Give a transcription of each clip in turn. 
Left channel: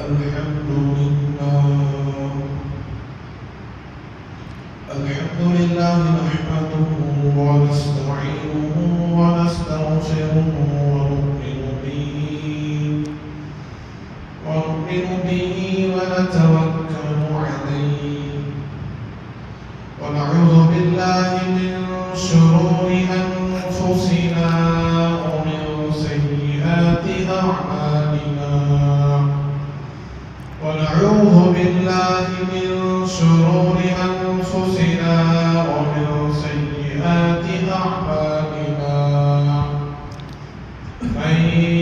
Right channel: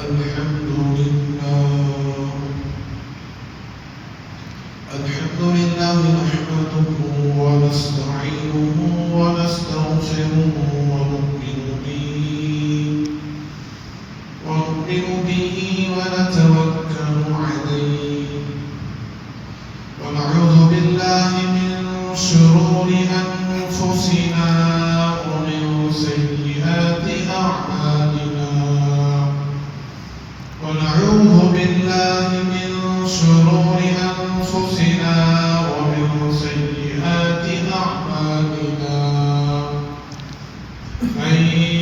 الحمد لله نحمده ونستعينه ونستغفره ونؤمن به ونتوكل عليه ونعوذ بالله من شرور أنفسنا ومن سيئات أعمالنا ونعوذ بالله من شرور أنفسنا ومن سيئات أعمالنا من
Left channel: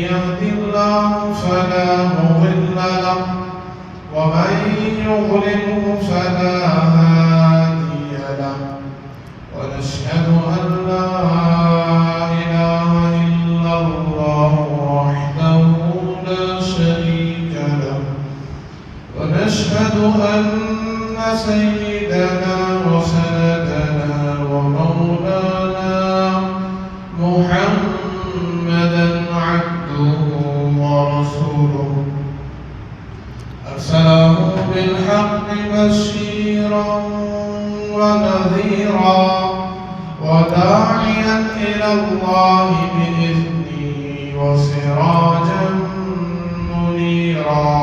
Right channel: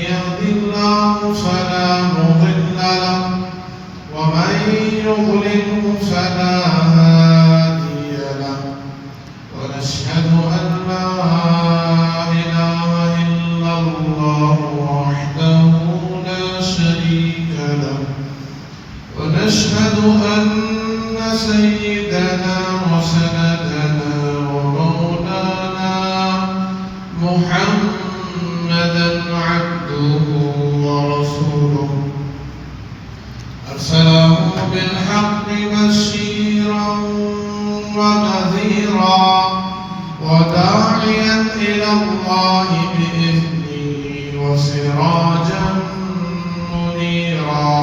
يهد الله فلا مضل له ومن يضلل فلا هادي له ونشهد أن لا إله إلا الله وحده لا شريك له ونشهد أن سيدنا وسندنا ومولانا محمدا عبده ورسوله أرسله بالحق بشيرا ونذيرا وداعيا إلى الله بإذنه وسراجا منيرا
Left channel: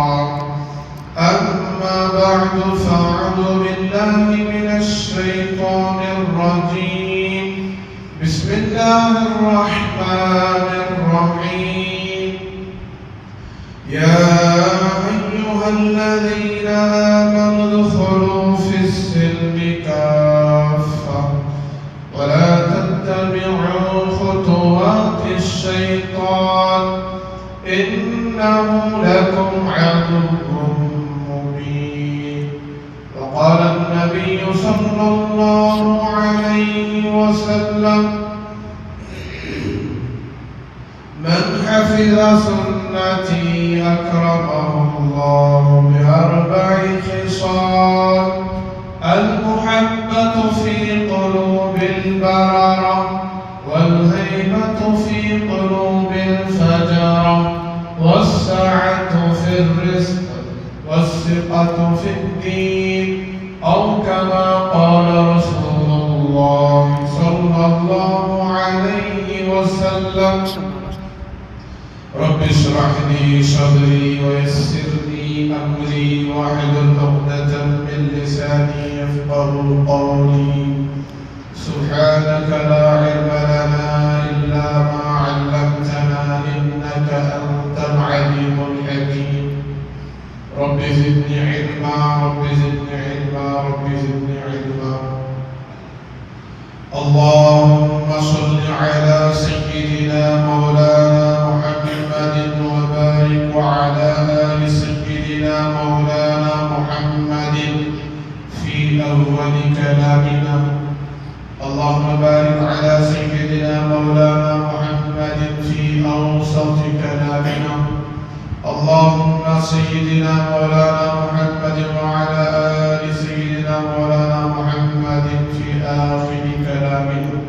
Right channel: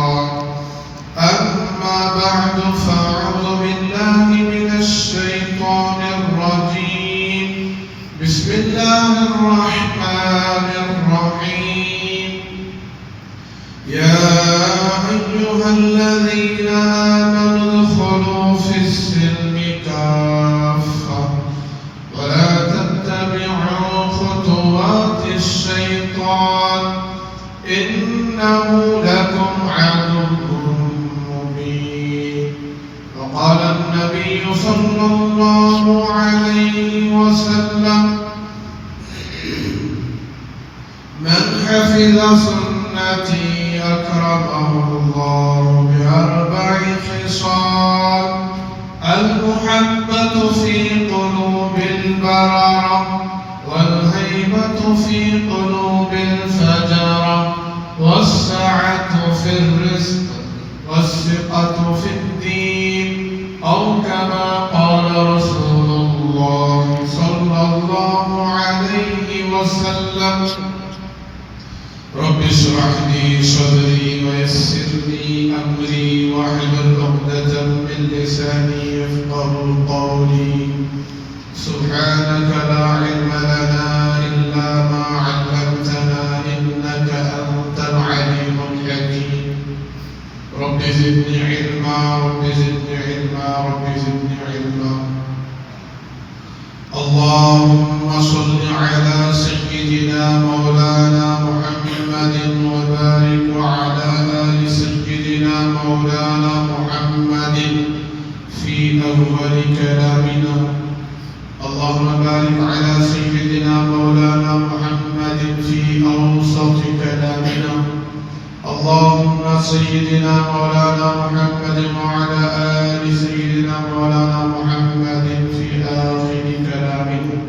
أما بعد فأعوذ بالله من الشيطان الرجيم بسم الله الرحمن الرحيم يا أيها الذين آمنوا ادخلوا في السلم كافة ولا تتبعوا خطوات الشيطان إنه لكم عدو مبين وقال النبي صلى الله عليه وسلم من حفظ سنتي أكرمه الله بأربع خصال المحبة في قلوب البررة والهيبة في قلوب الفجرة والسعة في الرزق والثقة في الدين أو كما قال رسول الله صلى الله عليه وسلم رب اشرح لي صدري ويسر لي أمري واحلل عقدة من لساني يفقهوا قولي سبحانك لا علم لنا إلا ما علمتنا إنك أنت العليم الحكيم رب زدني علما رب زدني علما رب زدني علما اللهم صل على سيدنا مولانا محمد وبارك وعلى آل سيدنا مولانا محمد في أول كلامنا اللهم بارك على سيدنا مولانا محمد في أوسط كلامنا اللهم سيدنا مولانا محمد وعلى آل سيدنا مولانا محمد في آخر كلامنا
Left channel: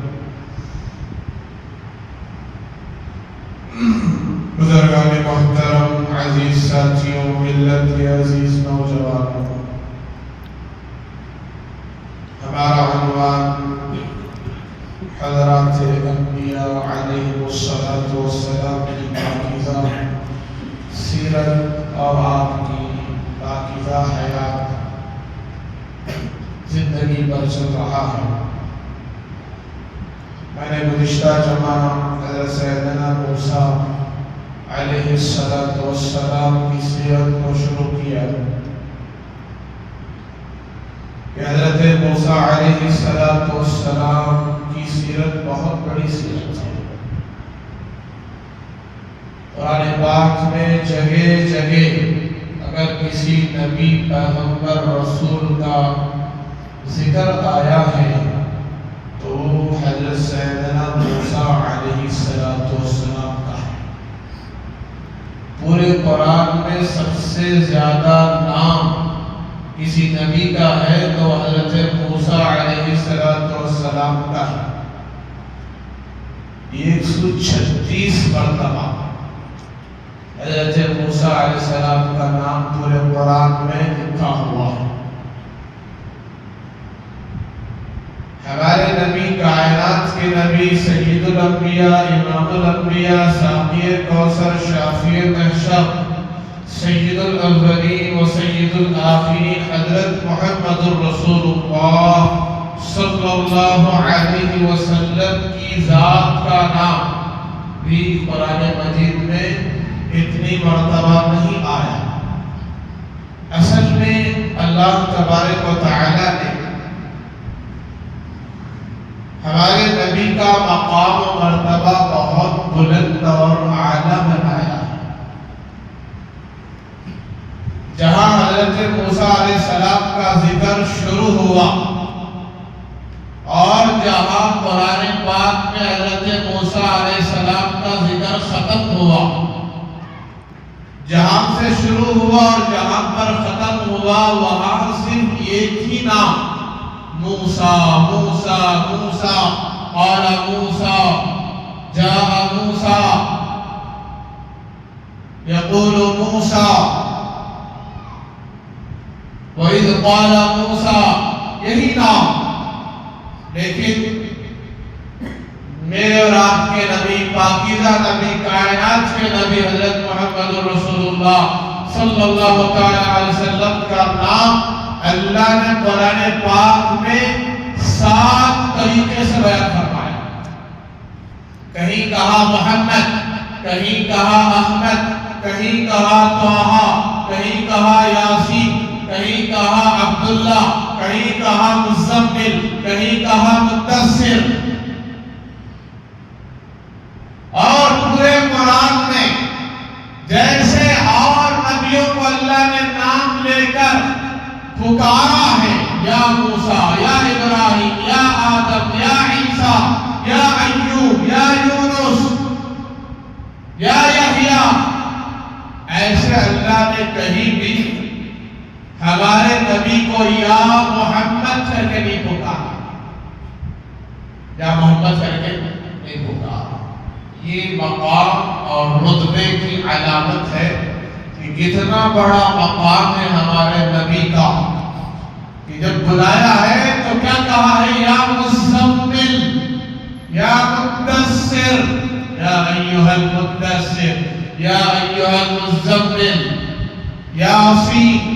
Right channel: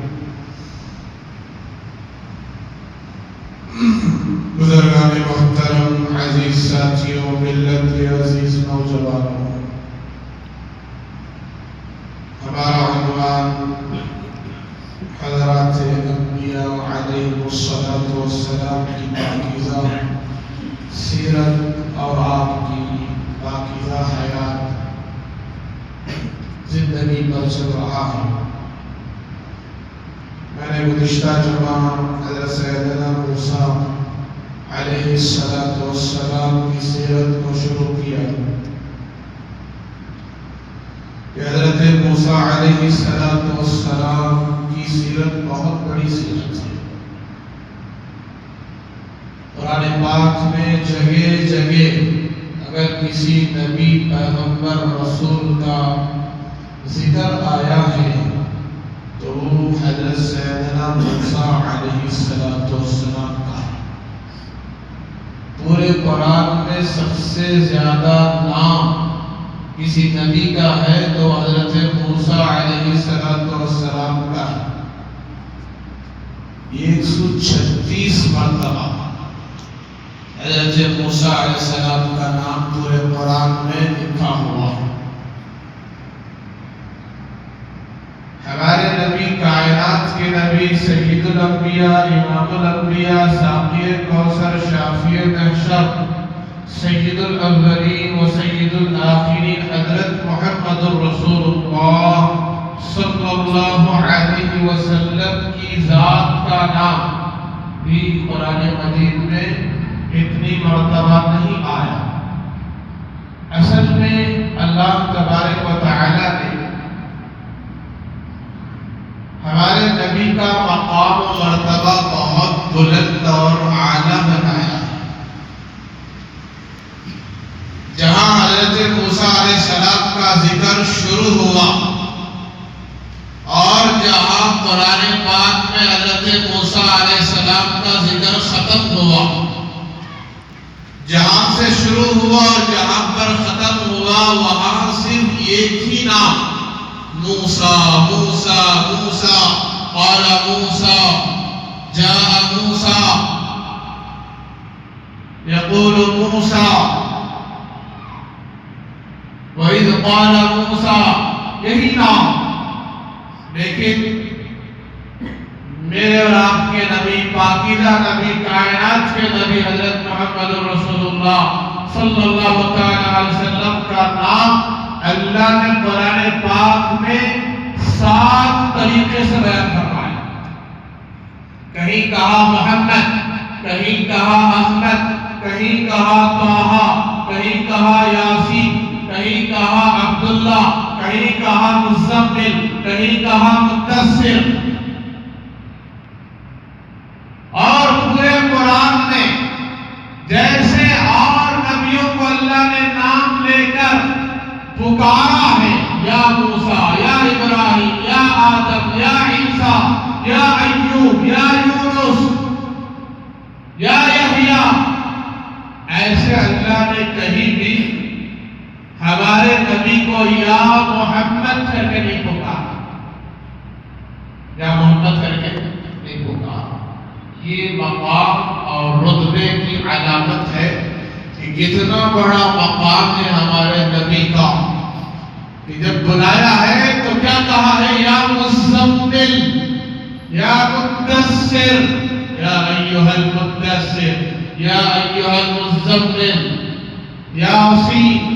بزرگان محترم عزیز ساتھیوں ملت کے عزیز نوجوانوں ہمارا عنوان حضرات انبیاء علیہ الصلوۃ والسلام کی پاکیزہ سیرت اور آپ کی پاکیزہ حیات زندگی پر چل رہا ہے میں نے گزشتہ جمعہ حضرت سیدنا موسیٰ علیہ السلام کی سیرت کو شروع کیا کہ حضرت موسیٰ علیہ السلام کی سیرت بہت بڑی سیرت ہے قرآن پاک میں جگہ جگہ اگر کسی نبی پیغمبر رسول کا ذکر آیا ہے تو حضرت سیدنا موسیٰ علیہ السلام کا ہے پورے قرآن میں سب سے زیادہ نام کسی نبی کا ہے تو حضرت موسیٰ علیہ السلام کا ہے 136 مرتبہ حضرت موسیٰ علیہ السلام کا نام نبی سید الانبیاء امام الانبیاء ساقی کوثر شافی محشر سید الاولین و سید الآخرین حضرت محمد رسول اللہ صلی اللہ علیہ وسلم کی ذات کا نام بھی قرآن مجید میں اتنی مرتبہ نہیں آیا۔ اصل میں اللہ تبارک و تعالی نے ہمارے نبی کا مقام و مرتبہ بہت بلند اور اعلیٰ بنایا۔ جہاں حضرت موسیٰ علیہ السلام کا ذکر شروع ہوا اور جہاں قرآن پاک میں حضرت موسیٰ علیہ السلام کا ذکر ختم ہوا، جہاں سے شروع ہوا اور جہاں پر ختم ہوا وہاں صرف ایک ہی نام موسیٰ موسیٰ موسیٰ قال موسیٰ جاء موسیٰ یقول موسیٰ وَإِذْ قَالَ مُوسَىٰ، یہی نام۔ لیکن میرے اور آپ کے نبی، پاکیزہ نبی، کائنات کے نبی حضرت محمد رسول اللہ صلی اللہ علیہ وسلم کا نام اللہ نے قرآن پاک میں 7 طریقے سے بیان فرمایا۔ کہیں کہا محمد، کہیں کہا احمد، کہیں کہا طٰہٰ، کہیں کہا یاسین، کہیں کہا عبداللہ، کہیں کہا مزمل، کہیں کہا مدثر۔ اور پورے قرآن میں جیسے اور نبیوں کو اللہ نے نام لے کر پکارا ہے، یا موسیٰ، یا ابراہیم، یا آدم، یا عیسیٰ، یا ایوب، یا یونس، یا یحییٰ، ایسے اللہ نے کہیں بھی ہمارے نبی کو یا محمد کر کے نہیں پکارا، یا محمد کر کے نہیں پکارا۔ یہ مقام اور رتبے کی علامت ہے کہ کتنا بڑا مقام ہے ہمارے نبی کا، کہ جب بلایا ہے تو کیا کہا ہے؟ یا مزمل، یا مدثر، یا ایھا المدثر، یا ایھا المزمل، یاسین،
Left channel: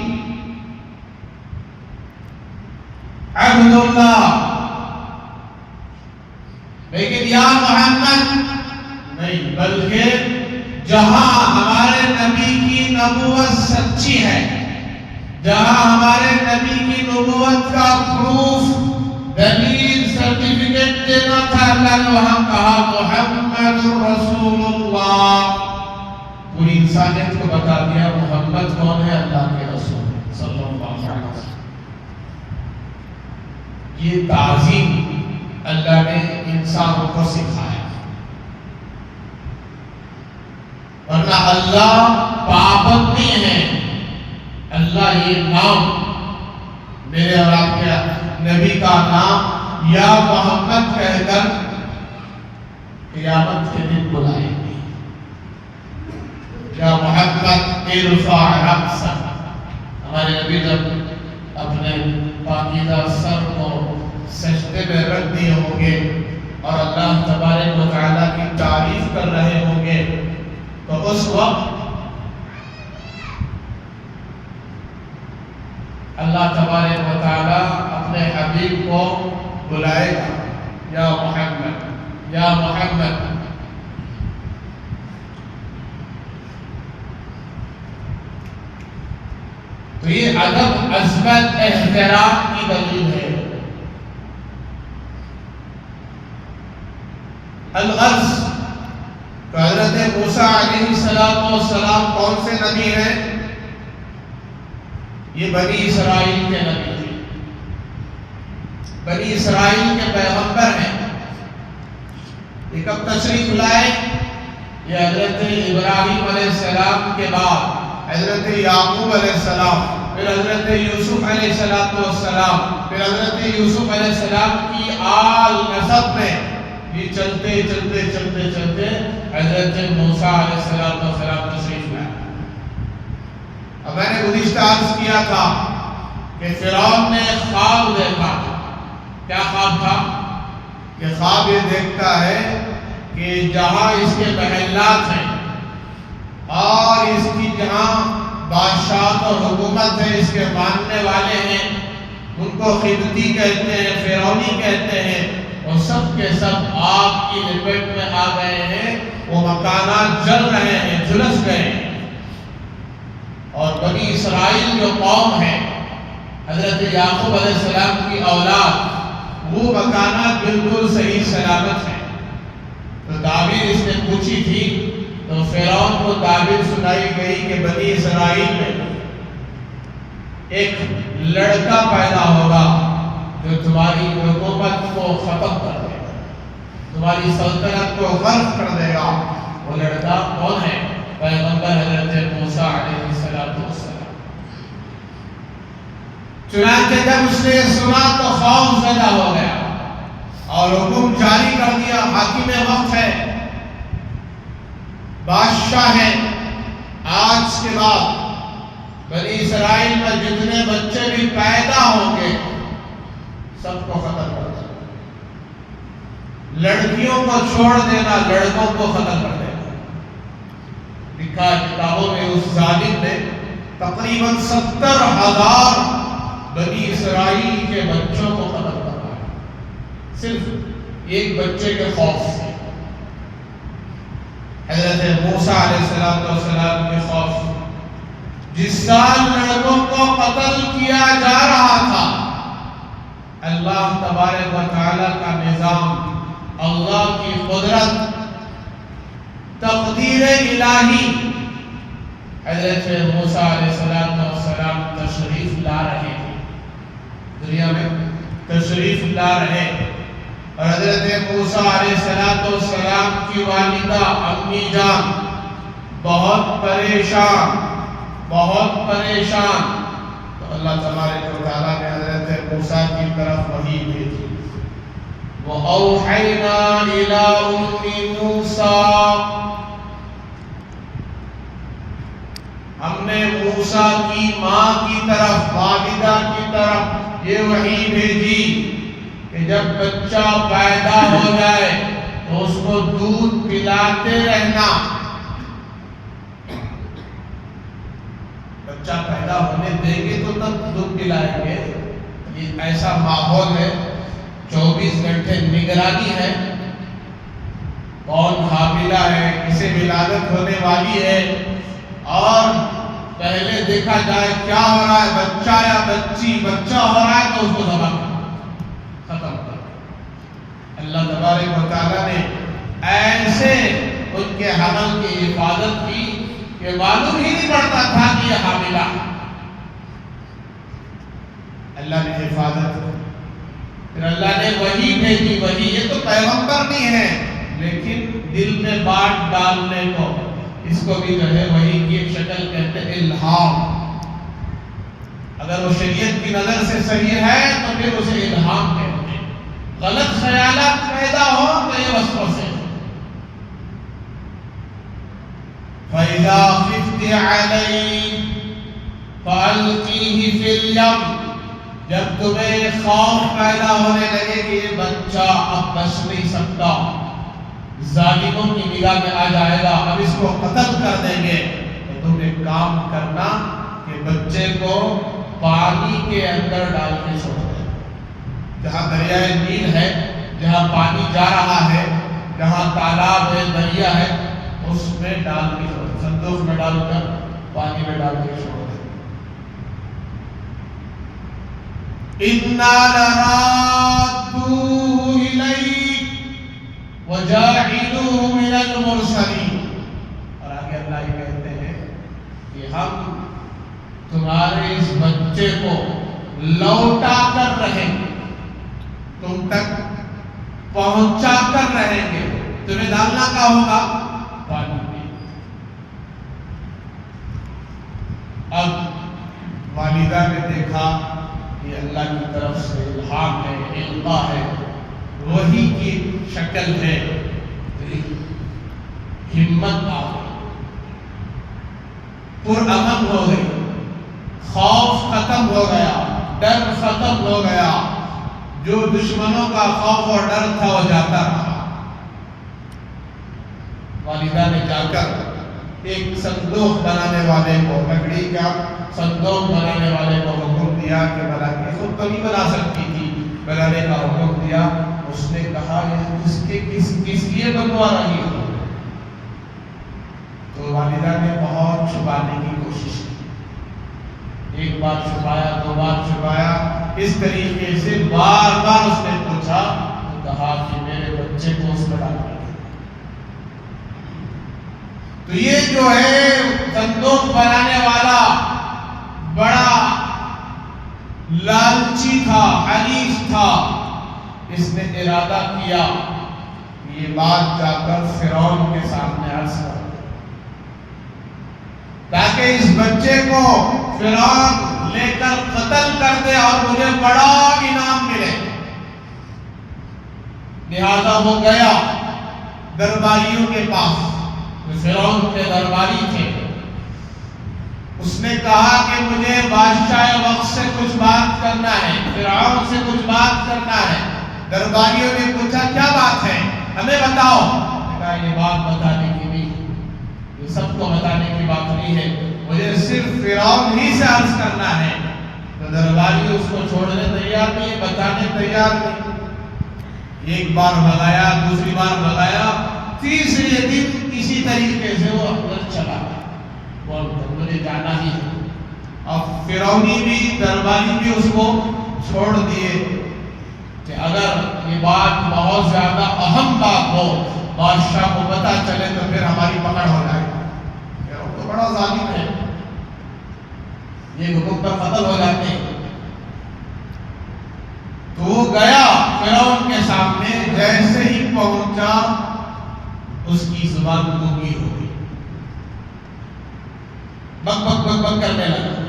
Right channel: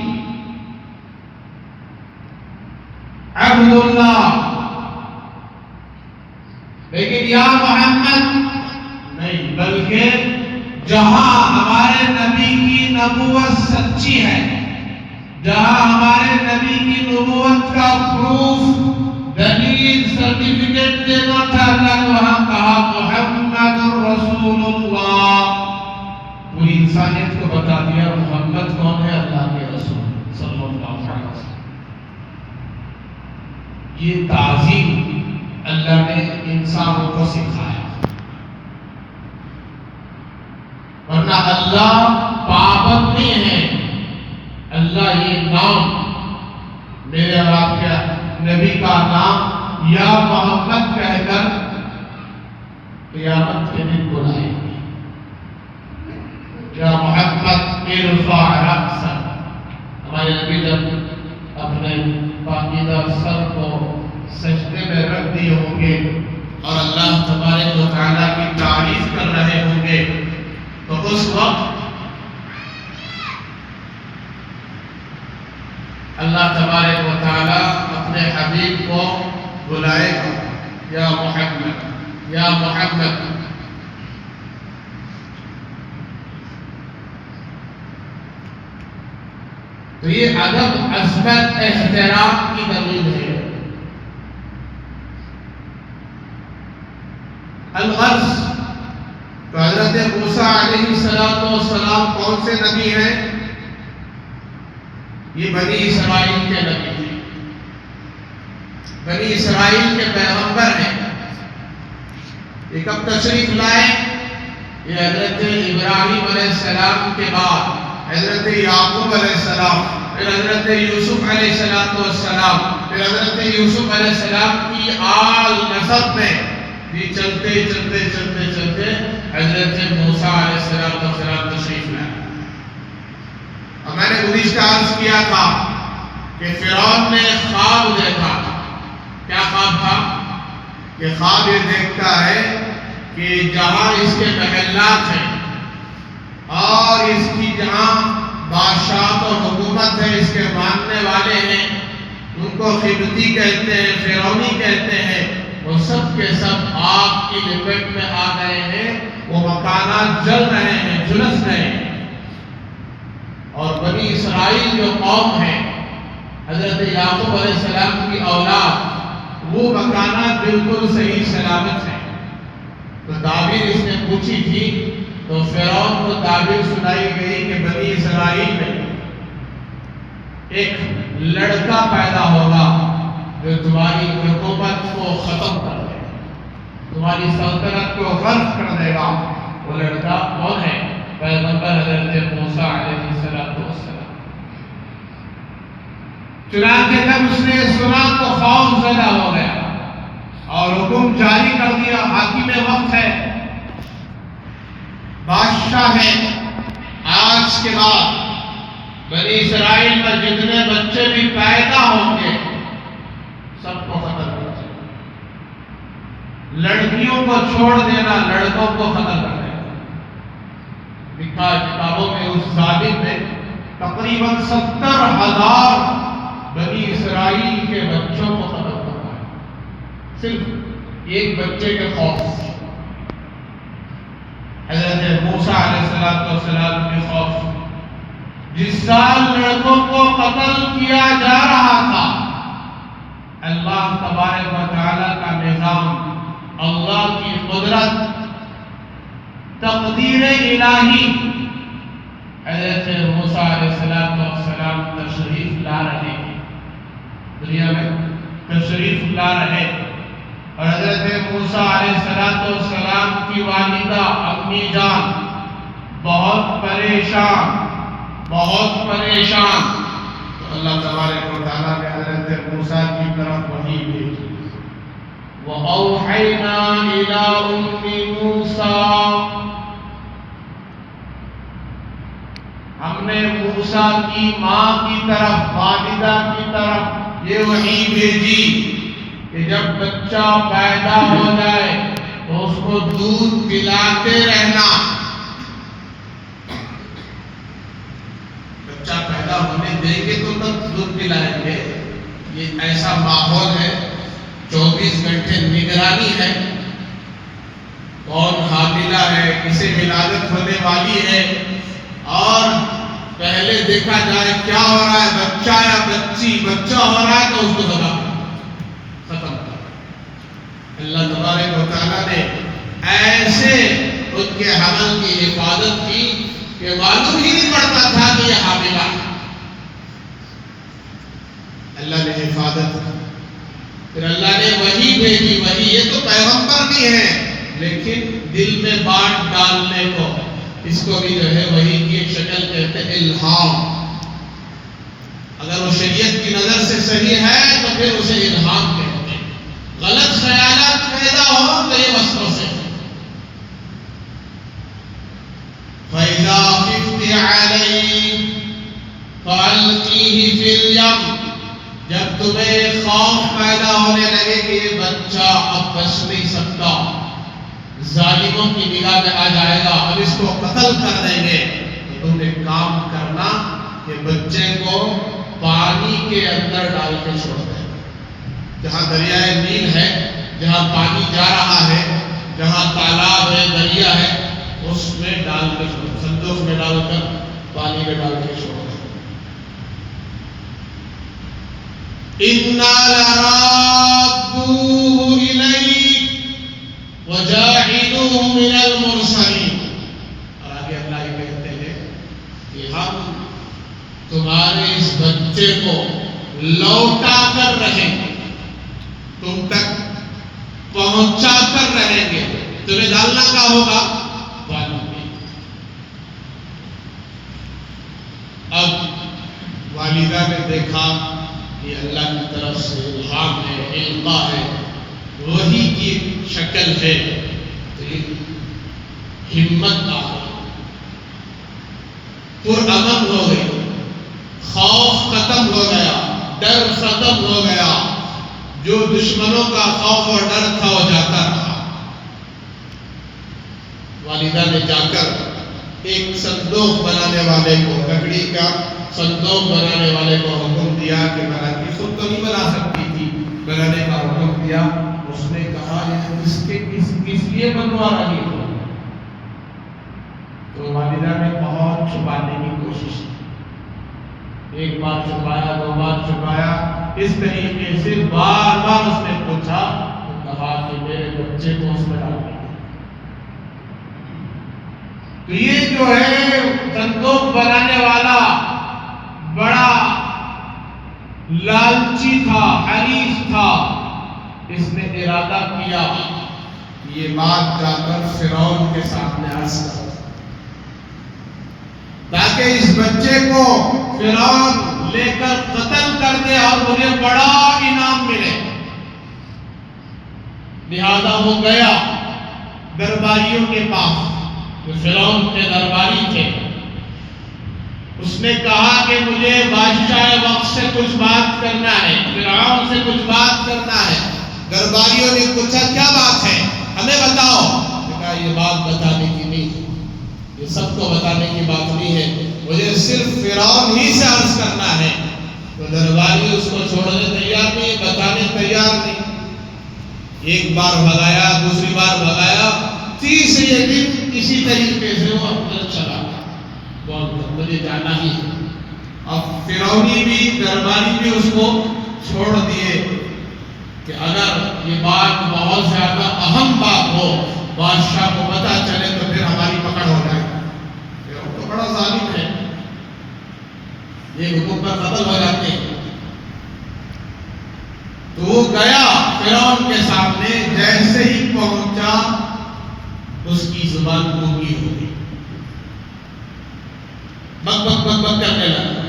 عبداللہ۔ لیکن یا محمد نہیں، بلکہ جہاں ہمارے نبی کی نبوت سچی ہے، جہاں ہمارے نبی کی نبوت کا پروف، دلیل، سرٹیفکیٹ دینا تھا، اللہ نے وہاں کہا محمد رسول اللہ۔ پوری انسانیت کو بتا دیا محمد کون ہے، اللہ کے رسول صلی اللہ علیہ وسلم۔ یہ تعظیم اللہ نے انسانوں کو سکھایا، ورنہ اللہ پابند نہیں ہے۔ اللہ یہ نام میرے اور آپ کے نبی کا نام یا محمد کہہ کر قیامت کے دن بلائیں گے، یا محمد ارفع رأسک۔ ہمارے نبی جب اپنے پاکیزہ سر کو سجدے میں رکھ دیے ہوں گے اور اللہ تبارک و تعالیٰ کی تعریف کر رہے ہوں گے، تو اس وقت اللہ تبارک و تعالیٰ اپنے حبیب کو بلائے گا، یا محمد، یا محمد۔ تو یہ ادب، عظمت، احترام کی دلیل ہے۔ الغرض، تو حضرت موسیٰ علیہ السلام کون سے نبی ہیں؟ یہ بنی اسرائیل کے نبی ہیں، بنی اسرائیل کے پیغمبر ہیں۔ یہ کب تشریف لائے؟ یہ حضرت ابراہیم علیہ السلام کے بعد حضرت یعقوب علیہ السلام، پھر حضرت یوسف علیہ السلام، پھر حضرت یوسف علیہ السلام کی آل نسب میں یہ چلتے چلتے چلتے چلتے حضرت موسیٰ علیہ السلام تشریف لائے۔ اب میں نے گزشتہ عرض کیا تھا کہ فرعون نے خواب دیکھا۔ کیا خواب تھا؟ کہ خواب یہ دیکھتا ہے کہ جہاں اس کے محلات ہیں اور اس کی جہاں بادشاہت اور حکومت ہے، اس کے ماننے والے ہیں، ان کو قبطی کہتے ہیں، فرعونی کہتے ہیں، وہ سب کے سب آگ کی لپیٹ میں آ گئے ہیں، وہ مکانات جل رہے ہیں، جھلس گئے ہیں۔ اور بنی اسرائیل جو قوم ہے، حضرت یعقوب علیہ السلام کی اولاد، وہ مکانات بالکل صحیح سلامت ہیں۔ تو تعبیر اس نے پوچھی تھی، تو فرعون کو تعبیر سنائی گئی کہ بنی اسرائیل میں ایک لڑکا پیدا ہوگا جو تمہاری حکومت کو ختم کر دے گا، تمہاری سلطنت کو غرق کر دے گا۔ وہ لڑکا کون ہے؟ پیغمبر حضرت موسیٰ علیہ السلام۔ چنانچہ جب اس نے سنا تو خوف زدہ ہو گیا اور حکم جاری کر دیا، حاکم وقت ہے، بادشاہ ہے، آج کے بعد بنی اسرائیل میں جتنے بچے بھی پیدا ہوں گے سب کو ختم کر دینا، لڑکیوں کو چھوڑ دینا، لڑکوں کو ختم کر دینا۔ لکھا کتابوں میں اس ظالم نے تقریباً 70,000 بنی اسرائیل کے بچوں کو ختم کرا، صرف ایک بچے کے خوف سے۔ حضرت موسیٰ علیہ السلام کے خوف سے جس سال لڑکوں کو قتل کیا جا رہا تھا، اللہ تبارک و تعالیٰ کا نظام، اللہ کی قدرت، تقدیر الہی، حضرت موسیٰ علیہ السلام تشریف لا رہے ہیں، دنیا میں تشریف لا رہے ہیں، اور حضرت موسیٰ علیہ السلام کی والدہ امی جان بہت پریشان، بہت پریشان۔ تو اللہ تبارک و تعالیٰ نے حضرت موسیٰ کی طرف وحی بھیجی، وَأَوْحَيْنَا إِلَىٰ أُمِّ مُوسَىٰ، ہم نے موسیٰ کی ماں کی طرف، والدہ کی طرف یہ وحی بھیجی کہ جب بچہ پیدا ہو جائے تو اس کو دودھ پلاتے رہنا۔ بچہ پیدا ہونے دیں گے تو تب دودھ پلائیں گے، یہ ایسا ماحول ہے، 24 گھنٹے نگرانی ہے، کون حاملہ ہے، کسے ولادت ہونے والی ہے، اور پہلے دیکھا جائے کیا ہو رہا ہے، بچہ یا بچی، بچہ ہو رہا ہے تو اس کو ذبح ختم کر۔ اللہ تبارک و تعالیٰ نے ایسے ان کے حمل کی حفاظت کی کہ معلوم ہی نہیں پڑتا تھا کہ یہ حاملہ۔ اللہ نے حفاظت کی، پھر اللہ نے وحی بھیجی۔ وحی یہ تو پیغمبر بھی ہے، لیکن دل میں بات ڈالنے کو، اس کو بھی جو ہے وحی کی ایک شکل کہتے ہیں، الہام۔ اگر وہ شریعت کی نظر سے صحیح ہے تو پھر اسے الہام کہتے ہیں، غلط خیالات پیدا ہو تو یہ وسوسے سے۔ فَإِذَا خِفْتِ عَلَيْهِ فَأَلْقِيهِ فِي الْيَمِّ، جب تمہیں خوف پیدا ہونے لگے کہ یہ بچہ اب بچ نہیں سکتا، ظالموں کی نگاہ میں آ جائے گا، اب اس کو قتل کر دیں گے، تو تم ایک کام کرنا کہ بچے کو پانی کے اندر ڈال کے چھوڑ دیں، جہاں دریائے نیل ہے، جہاں پانی جا رہا ہے، جہاں تالاب ہے، دریا ہے، اس میں ڈال کے چھوڑ دیں، صندوق میں ڈال کر پانی میں ڈال کے چھوڑ دیں۔ اِنَّا لَرَادُّوهُ إِلَيْكَ وَجَاعِلُوهُ مِنَ الْمُرْسَلِينَ، اور آگے اللہ یہ کہتے ہیں کہ ہم تمہارے اس بچے کو لوٹا کر رہیں گے، تم تک پہنچا کر رہیں گے۔ تمہیں ڈالنا کیا ہوگا؟ پانی میں۔ اب والدہ نے دیکھا یہ اللہ کی طرف سے الہام ہے، القاء ہے، وحی کی شکل ہے، تو یہ ہمت آ گئی، پرامن ہو گئی، خوف ختم ہو گیا، ڈر ختم ہو گیا، جو دشمنوں کا خوف اور ڈر تھا وہ جاتا رہا۔ والدہ نے جا کر ایک صندوق بنانے والے کو، لکڑی کا صندوق بنانے والے کو حکم دیا کہ بنانے، خود تو نہیں بنا سکتی تھی، بنانے کا حکم دیا۔ اس نے کہا کس لیے بنوا رہی ہو؟ تو والدہ نے بہت چھپانے کی کوشش کی، ایک بار چھپایا، دو بار چھپایا، اس طریقے سے بار بار اس نے پوچھا، تو کہا کہ میرے بچے کو اس میں ڈال دیا۔ تو یہ جو ہے صندوق بنانے والا بڑا لالچی تھا، حریص تھا، اس نے ارادہ کیا یہ بات جا کر فرعون کے سامنے عرض کر، تاکہ اس بچے کو فرعون لے کر قتل کر دے اور مجھے بڑا انعام ملے۔ لہذا وہ گیا درباریوں کے پاس، جو فرعون کے درباری تھے۔ اس نے کہا کہ مجھے بادشاہ وقت سے کچھ بات کرنا ہے، فرعون سے کچھ بات کرنا ہے۔ درباریوں نے پوچھا کیا بات ہے، ہمیں بتاؤ۔ کہا یہ بات بتانے کی نہیں، یہ سب کو بتانے کی بات نہیں ہے، مجھے صرف فرعون ہی سے عرض کرنا ہے۔ تو درباری اس کو چھوڑنے تیار نہیں، بتانے تیار نہیں۔ ایک بار بھگایا، دوسری بار بھگایا، تیسرے دن کسی طریقے سے وہ اندر چلا گیا، مجھے جانا ہی ہے۔ اب فرعونی بھی، درباری بھی اس کو چھوڑ دیے کہ اگر یہ بات بہت زیادہ اہم بات ہو، بادشاہ کو پتہ چلے تو پھر ہماری پکڑ ہو جائے۔ فرعون تو بڑا ظالم ہے، یہ حکم پر قتل ہو جاتے ہیں۔ تو وہ گیا فرعون کے سامنے، جیسے ہی پہنچا اس کی زبان گونگی ہو گئی، بک بک بک بک کرنے لگا۔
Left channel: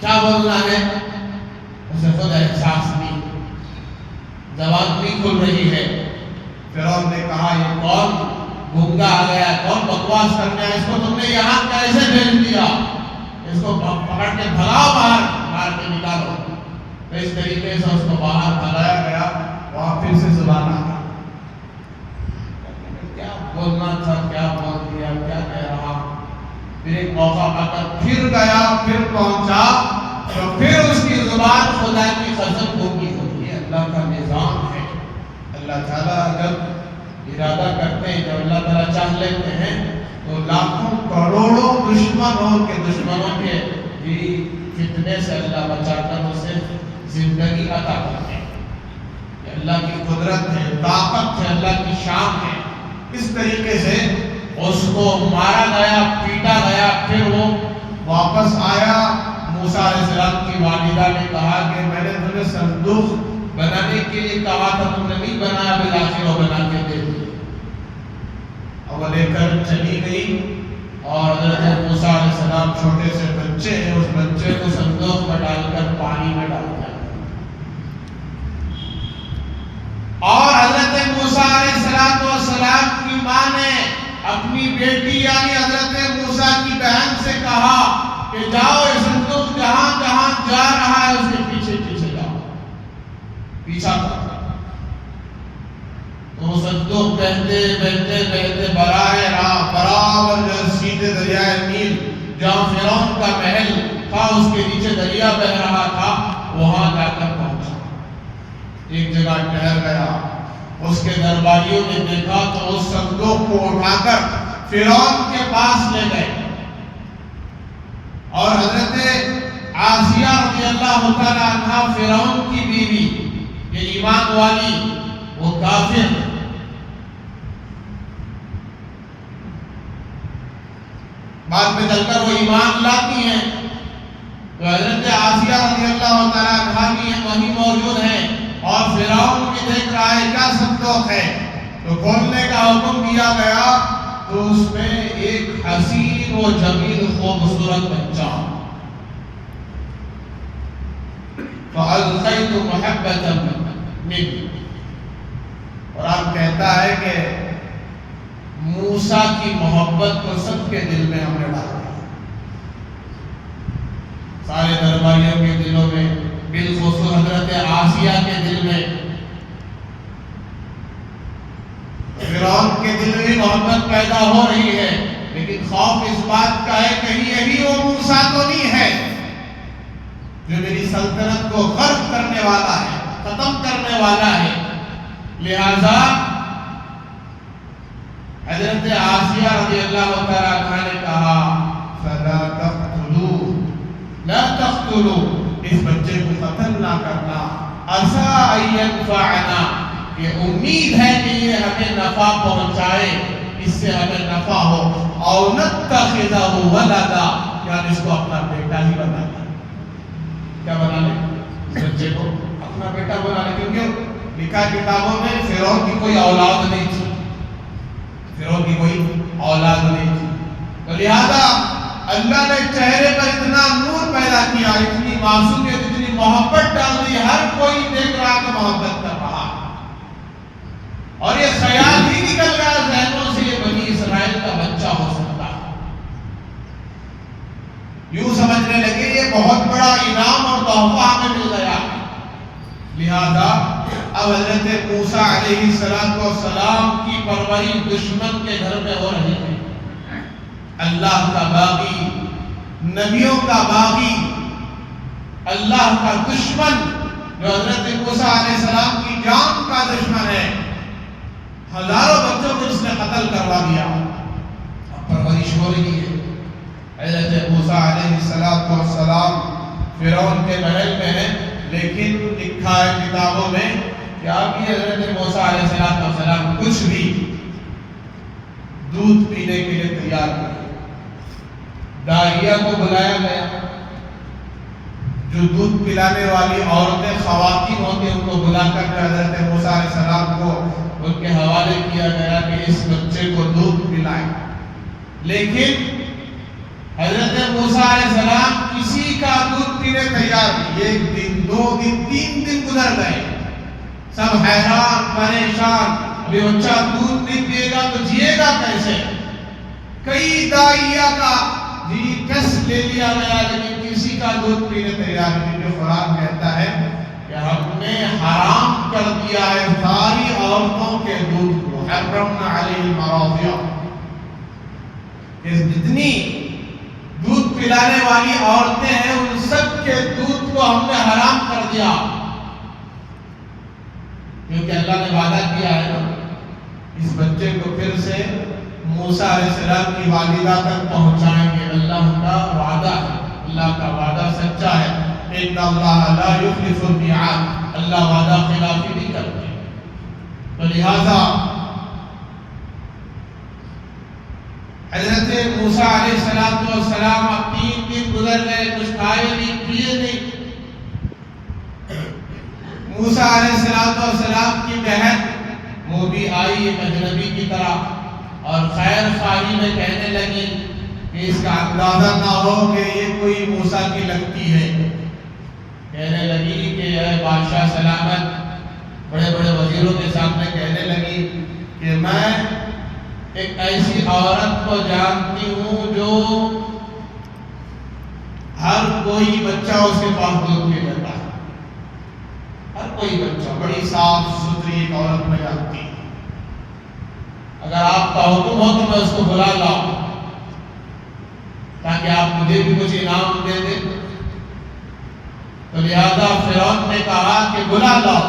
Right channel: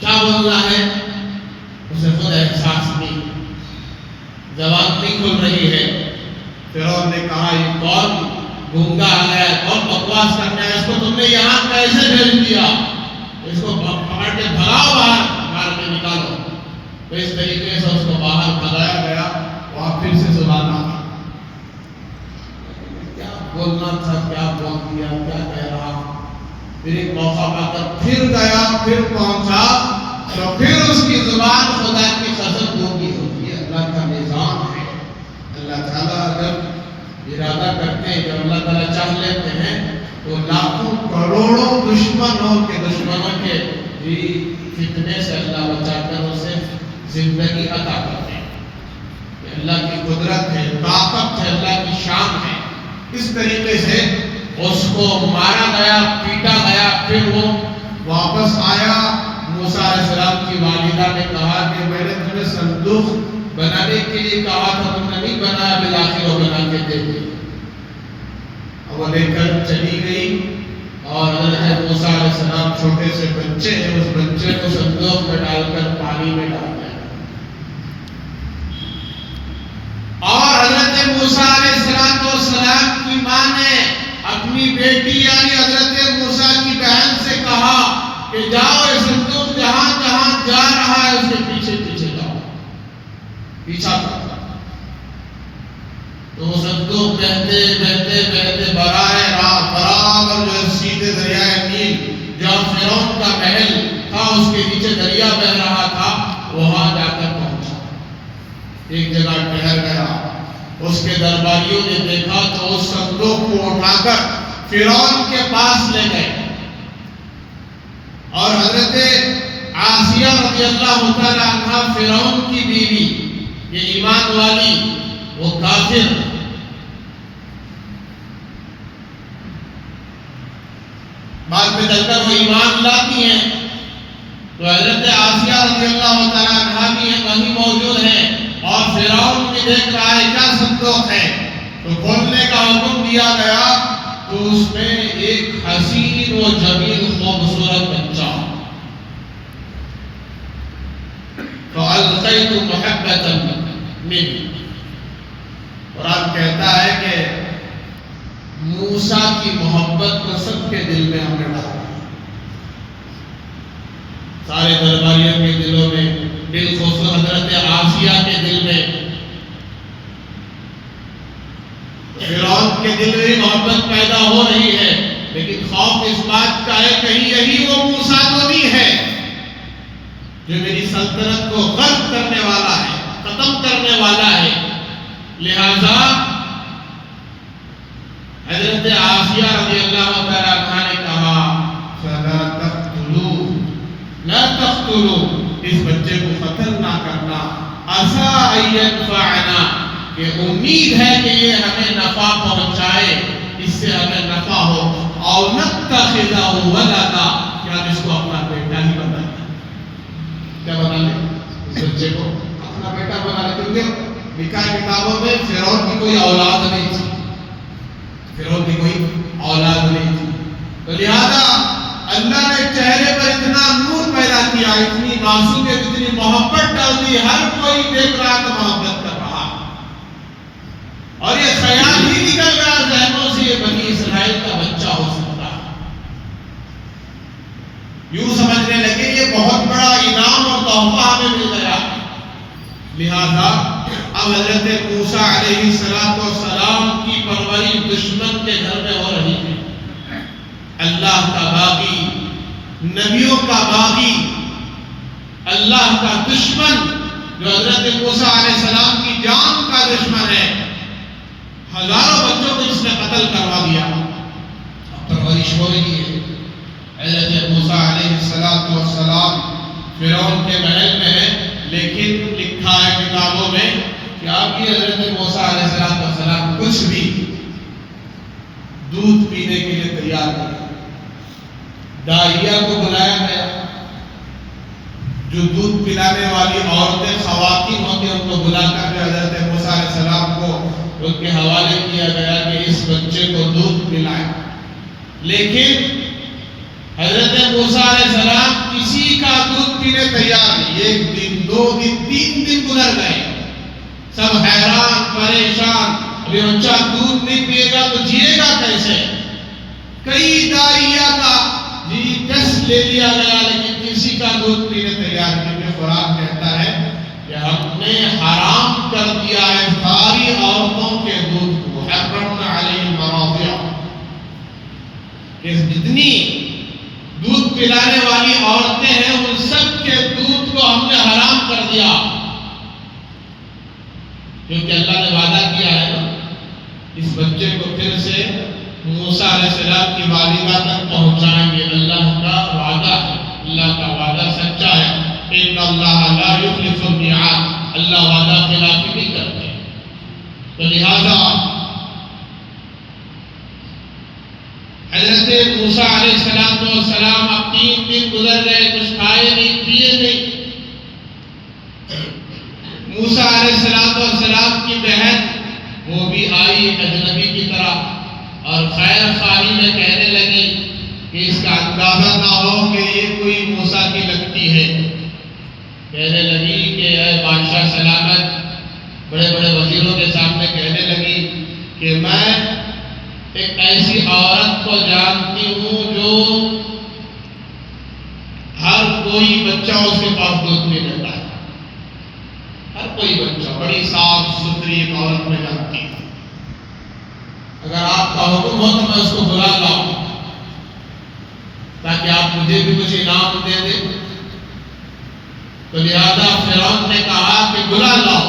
کیا بولنا ہے اسے خود احساس نہیں، زبان نہیں کھل رہی ہے۔ فرعون نے کہا یہ کون گونگا آ گیا، کون بکواس کرنے آیا، اس کو تم نے یہاں کیسے بھیج دیا، اس کو پکڑ کے بھگاؤ، باہر مار کے نکالو۔ تو اس طریقے سے اس کو باہر بھگایا گیا، وہاں پھر سے زبان آ گئی، کیا بولنا تھا کیا بول دیا، کیا کہہ رہا۔ پھر ایک موقع پا کر پھر گیا، پھر پہنچا، تو پھر اس کی زبان خدا کی قسم گونگی ہوتی ہے۔ اللہ کا نظام ہے، اللہ تعالیٰ اگر ارادہ کرتے ہیں، جب اللہ تعالیٰ چاہ لیتے ہیں تو لاکھوں کروڑوں دشمنوں کے بھی فتنے سے اللہ بچا کر اسے زندگی عطا کرتے ہیں۔ یہ اللہ کی قدرت ہے، طاقت ہے، اللہ کی شان ہے۔ اس طریقے سے اس کو مارا گیا، پیٹا گیا، پھر وہ واپس آیا۔ موسیٰ علیہ السلام کی والدہ نے کہا کہ میں نے تمہیں صندوق بنانے کے لیے کہا تھا، تم نے نہیں بنایا، بالآخر وہ بنا کے دے دی۔ اب وہ لے کر چلی گئی، اور حضرت موسیٰ علیہ السلام چھوٹے سے بچے ہیں، اس بچے کو صندوق میں ڈال کر پانی میں ڈال دیا۔ اور حضرت موسیٰ علیہ السلام کی ماں نے اپنی بیٹی یعنی حضرت موسیٰ کی بہن سے کہا کہ جاؤ، یہ صندوق جہاں جہاں جا رہا ہے اس کے پیچھے پیچھے جاؤ، پیچھا کرو۔ تو وہ صندوق بہتے بہتے بہتے برابر جو سیدھے دریائے نیل، جہاں فرعون کا محل تھا اس کے نیچے دریا بہ رہا تھا، وہاں جا کر پہنچا۔ ایک جگہ ٹھہر گیا، اس کے درباریوں نے دیکھا تو اس صندوق کو اٹھا کر فرعون کے پاس لے گئے، اور حضرت آسیہ رضی اللہ تعالی عنہ فرعون کی بیوی، یہ ایمان والی، وہ کافر، بعد میں چل کر وہ ایمان لاتی ہیں، تو حضرت آسیہ رضی اللہ تعالی عنہ بھی وہیں موجود ہیں، اور فرعون بھی دیکھ رہا ہے کیا صندوق ہے، تو کھولنے کا حکم دیا گیا، تو اس میں ایک حسین و جمیل خوبصورت بچہ، فَأَلْقَيْتُ مُحَبَّةً مِّنْهُ۔ قرآن کہتا ہے کہ موسیٰ کی محبت کو سب کے دل میں ہم نے ڈالا، سارے درباریوں کے دلوں میں بالخصوص حضرت آسیہ کے دل میں، فرعون کے دل میں محبت پیدا ہو رہی ہے، لیکن خوف اس بات کا ہے کہیں یہی وہ موسیٰ تو نہیں ہے جو میری سلطنت کو غرق کرنے والا ہے، ختم کرنے والا ہے۔ لہذا حضرت آسیہ رضی اللہ تعالیٰ عنہ نے کہا فَلَا تَقْتُلُوا، لا تقتلوا، اس بچے کو قتل نہ کرنا، عَسَىٰ أَن يَنفَعَنَا، یہ امید ہے کہ یہ ہمیں نفع پہنچائے، اس سے ہمیں نفع ہو، أَوْ نَتَّخِذَهُ وَلَدًا، کہ ہم اس کو اپنا بیٹا ہی بنا لیں۔ کیا بنا لیں؟ اس بچے کو اپنا بیٹا بنا لیں، کیونکہ نکاح کتابوں میں فرعون کی کوئی اولاد نہیں تھی، فرعون کی کوئی اولاد نہیں تھی، تو لہذا اللہ نے چہرے پر اتنا نور پیدا کیا، اتنی معصومیت، اتنی محبت ڈال دی، ہر کوئی دیکھ رہا تو محبت کر رہا، اور یہ خیال ہی نکل گیا ذہنوں سے یہ بنی اسرائیل کا بچہ ہو سکتا ہے۔ یوں سمجھنے لگے یہ بہت بڑا انعام اور تحفہ ہمیں مل گیا، لہذا اب حضرت موسیٰ علیہ السلام کی پرورش دشمن کے گھر میں ہو رہی ہے۔ اللہ کا باغی، نبیوں کا باغی، اللہ کا دشمن جو حضرت موسیٰ علیہ السلام کی جان کا دشمن ہے، ہزاروں بچوں کو اس نے قتل کروا دیا، اب پرورش ہو رہی ہے۔ حضرت موسیٰ علیہ السلام فرعون کے محل میں ہے، لیکن لکھا ہے کتابوں میں کہ آپ کی حضرت موسیٰ علیہ السلام کچھ بھی دودھ پینے کے لیے تیار نہیں، داعیہ کو بلایا گیا، جو دودھ پلانے والی عورتیں خواتین ہوتی ہیں ان کو بلا کر حضرت موسیٰ علیہ السلام کو ان کے حوالے کیا گیا کہ اس بچے کو دودھ پلائیں، لیکن حضرت موسیٰ علیہ السلام کسی کا دودھ پینے تیار نہیں۔ ایک دن، دو دن، 3 دن گزر گئے، سب حیران پریشان، ابھی بچہ دودھ نہیں پیے گا تو جیے گا کیسے؟ کئی داعیہ کا ٹیسٹ لے لیا گیا، لیکن کسی کا دودھ پینے تیار نہیں۔ جو قرآن کہتا ہے کہ ہم نے حرام کر دیا ہے ساری عورتوں کے دودھ کو، حرمنا علیہم المراضع، کہ جتنی دودھ پلانے والی عورتیں ہیں ان سب کے دودھ کو ہم نے حرام کر دیا، کیونکہ اللہ نے وعدہ کیا ہے نا اس بچے کو پھر سے موسیٰ علیہ السلام کی والدہ تک پہنچائیں گے۔ اللہ کا وعدہ ہے، اللہ کا وعدہ سچا ہے، ان اللہ لا یخلف المیعاد، اللہ وعدہ خلافی نہیں کرتے، تو لہذا حضرت موسیٰ علیہ السلام اب 3 دن گزر گئے، کچھ کھائے نہیں پیے نہیں۔ موسیٰ علیہ السلام کی بہن وہ بھی آئی ایک اجنبی کی طرح، اور خیر خواہی میں کہنے لگی کہ اس کا اندازہ نہ ہو کہ یہ کوئی موسیٰ کی لگتی ہے، کہنے لگی کہ اے بادشاہ سلامت، بڑے بڑے وزیروں کے سامنے کہنے لگی کہ میں ایک ایسی عورت کو جانتی ہوں جو ہر کوئی بچہ اس کے پاس دودھ پی لیتا ہے، ہر کوئی بچہ، بڑی صاف ستھری ایک عورت میں جانتی ہوں، اگر آپ کا حکم ہو تو میں اس کو بلا لاؤں تاکہ آپ مجھے بھی کچھ انعام دے دیں۔ تو لہذا فرعون نے کہا کہ بلا لاؤ،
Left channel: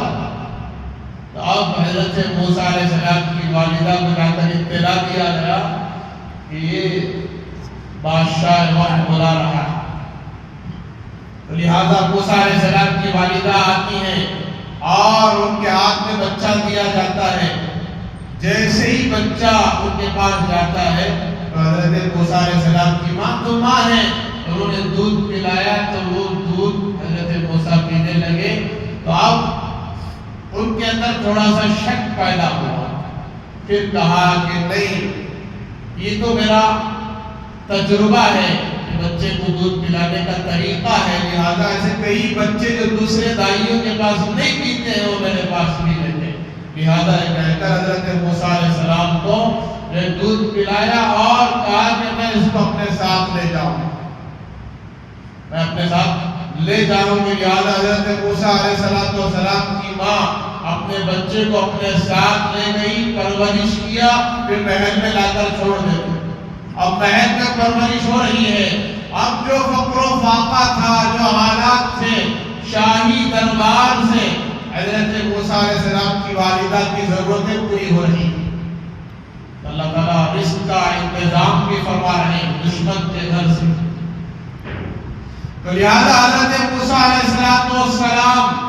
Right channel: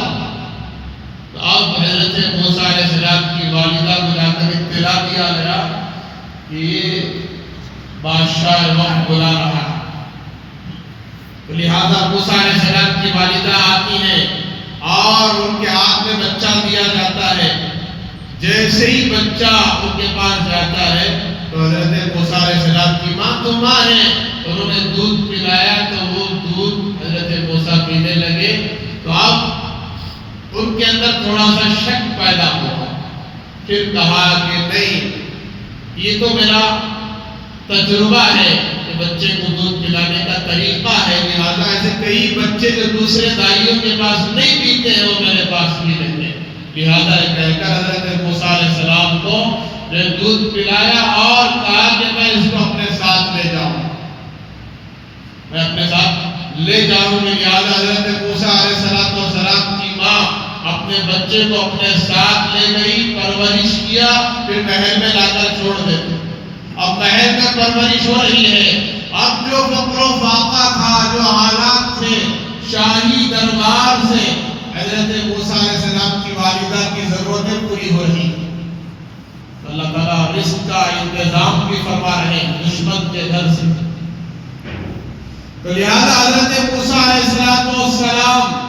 تو اب حضرت موسیٰ علیہ السلام کی والدہ کو جا کر اطلاع دیا گیا کہ یہ بادشاہ وقت بلا رہا ہے، تو لہذا موسیٰ علیہ السلام کی والدہ آتی ہیں اور ان کے ہاتھ میں بچہ دیا جاتا ہے۔ جیسے ہی بچہ ان کے پاس جاتا ہے تو حضرت موسیٰ علیہ السلام کی ماں تو ماں ہے، انہوں نے دودھ پلایا تو وہ دودھ حضرت موسیٰ پینے لگے، تو اب ان کے اندر تھوڑا سا شک پیدا ہوا، پھر کہا کہ نہیں، یہ تو میرا تجربہ ہے کہ بچے کو دودھ پلانے کا طریقہ ہے، لہذا ایسے کئی بچے جو دوسرے دائیوں کے پاس نہیں پیتے ہیں وہ میرے پاس پی لیتے ہیں، لہذا کہہ کر حضرت موسیٰ علیہ السلام کو دودھ پلایا اور کہا کہ میں اس کو اپنے ساتھ لے جاؤں، میں اپنے ساتھ لے جاؤ گے، لہٰذا حضرت موسیٰ علیہ السلام کی ماں اپنے بچے کو اپنے ساتھ لے گئی، پرورش کیا، پھر محل میں لا کر چھوڑ دے۔ اب محل میں پرورش ہو رہی ہے، اب جو فقر و فاقہ تھا، جو حالات تھے شاہی دربار سے، حضرت موسیٰ علیہ السلام کی والدہ کی ضرورتیں پوری ہو رہی ہیں۔ اللہ تعالیٰ رزق کا انتظام بھی فرما رہے ہیں دشمن کے گھر سے۔ تو لہذا حضرت موسیٰ علیہ السلام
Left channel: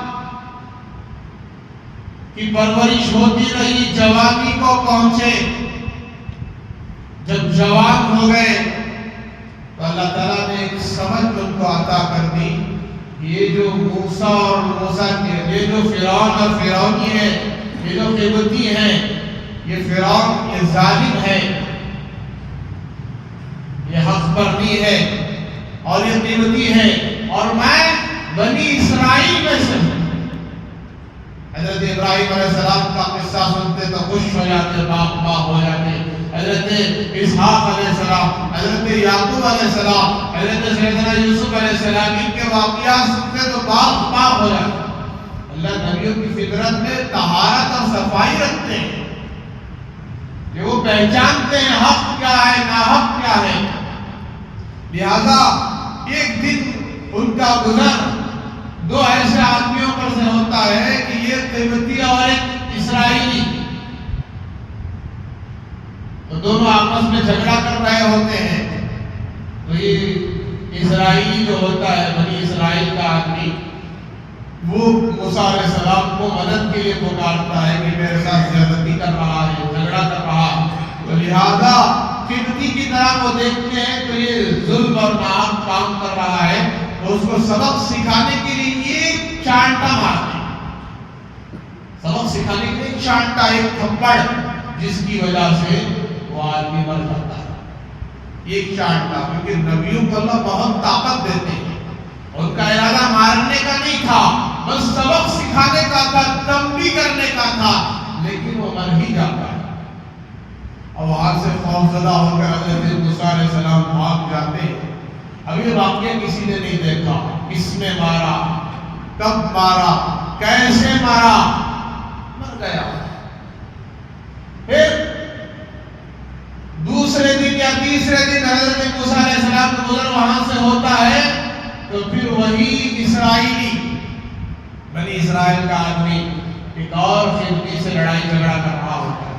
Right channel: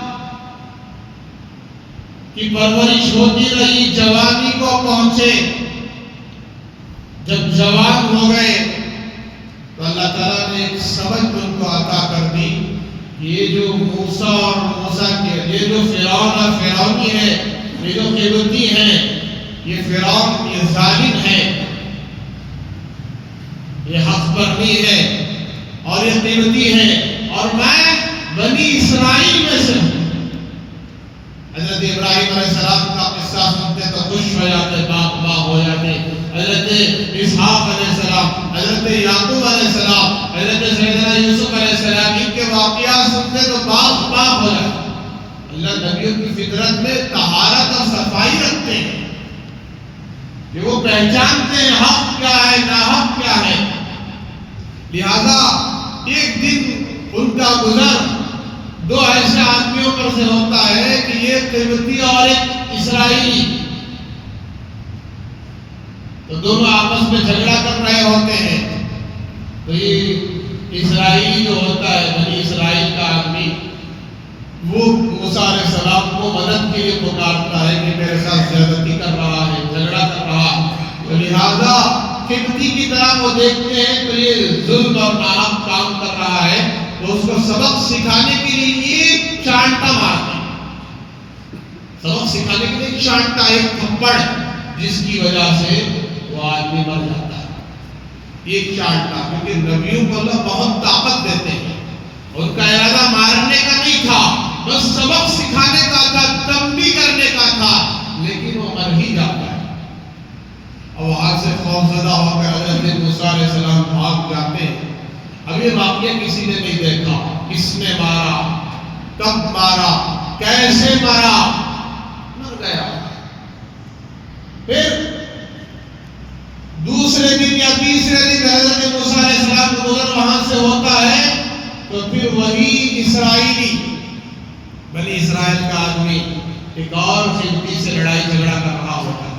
کی پرورش ہوتی رہی، جوانی کو پہنچے۔ جب جوان ہو گئے تو اللہ تعالیٰ نے ایک سبق ان کو عطا کر دی، یہ جو موسیٰ اور موسیٰ کے، یہ جو فرعون اور فرعونی ہے، یہ جو قبطی ہیں، یہ فرعون یہ ظالم ہے، یہ حق پرنی ہے اور یہ قبطی ہے، اور میں بنی اسرائیل میں سے ہوں۔ حضرت ابراہیم علیہ السلام کا قصہ سنتے تو خوش ہو جاتے، باغ باغ ہو جاتے۔ حضرت اسحاق علیہ السلام، حضرت یعقوب علیہ السلام، حضرت سیدنا یوسف علیہ السلام، ان کے واقعات سنتے تو باغ باغ ہو جاتے۔ اللہ نبیوں کی فطرت میں طہارت اور صفائی رکھتے ہیں کہ وہ پہچانتے ہیں حق کیا ہے، ناحق کیا ہے۔ لہذا ایک دن ان کا گزر دو ایسے آدمیوں پر سے ہوتا ہے کہ یہ قبطی اور ایک اسرائیلی، تو دونوں آپس میں جھگڑا کر رہے ہوتے ہیں۔ تو یہ اسرائیلی جو ہوتا ہے، بنی اسرائیل کا آدمی، وہ موسیٰ علیہ السلام کو مدد کے لیے پکارتا ہے کہ میرے ساتھ زیادتی کر رہا ہے، جھگڑا کر رہا ہے۔ تو لہذا قبطی کی طرح وہ دیکھتے ہیں تو یہ ظلم اور ناحق کام کر رہا ہے، تو اس کو سبق سکھانے کے لیے ایک چانٹا مارتے ہیں، سبق سکھانے کے لیے ایک چانٹا، ایک تھپڑ، جس کی وجہ سے وہ آدمی مر جاتا ہے۔ ایک چانٹا، کیونکہ نبیوں کو اللہ بہت طاقت دیتے ہیں، ان کا ارادہ مارنے کا نہیں تھا، بس سبق سکھانے کا تھا، تنبیہ کرنے کا تھا، لیکن وہ مر ہی جاتا ہے۔ اب وہاں سے خوفزدہ ہو کر حضرت موسیٰ علیہ السلام بھاگ جاتے ہیں۔ اب یہ واقعہ کسی نے نہیں دیکھا، کس نے مارا، کب مارا، کیسے مارا، مر گیا۔ پھر دوسرے دن یا تیسرے دن حضرت موسیٰ علیہ السلام کا گزر وہاں سے ہوتا ہے، تو پھر وہی اسرائیلی، بنی اسرائیل کا آدمی ایک اور قبطی سے لڑائی جھگڑا کر رہا ہوتا ہے۔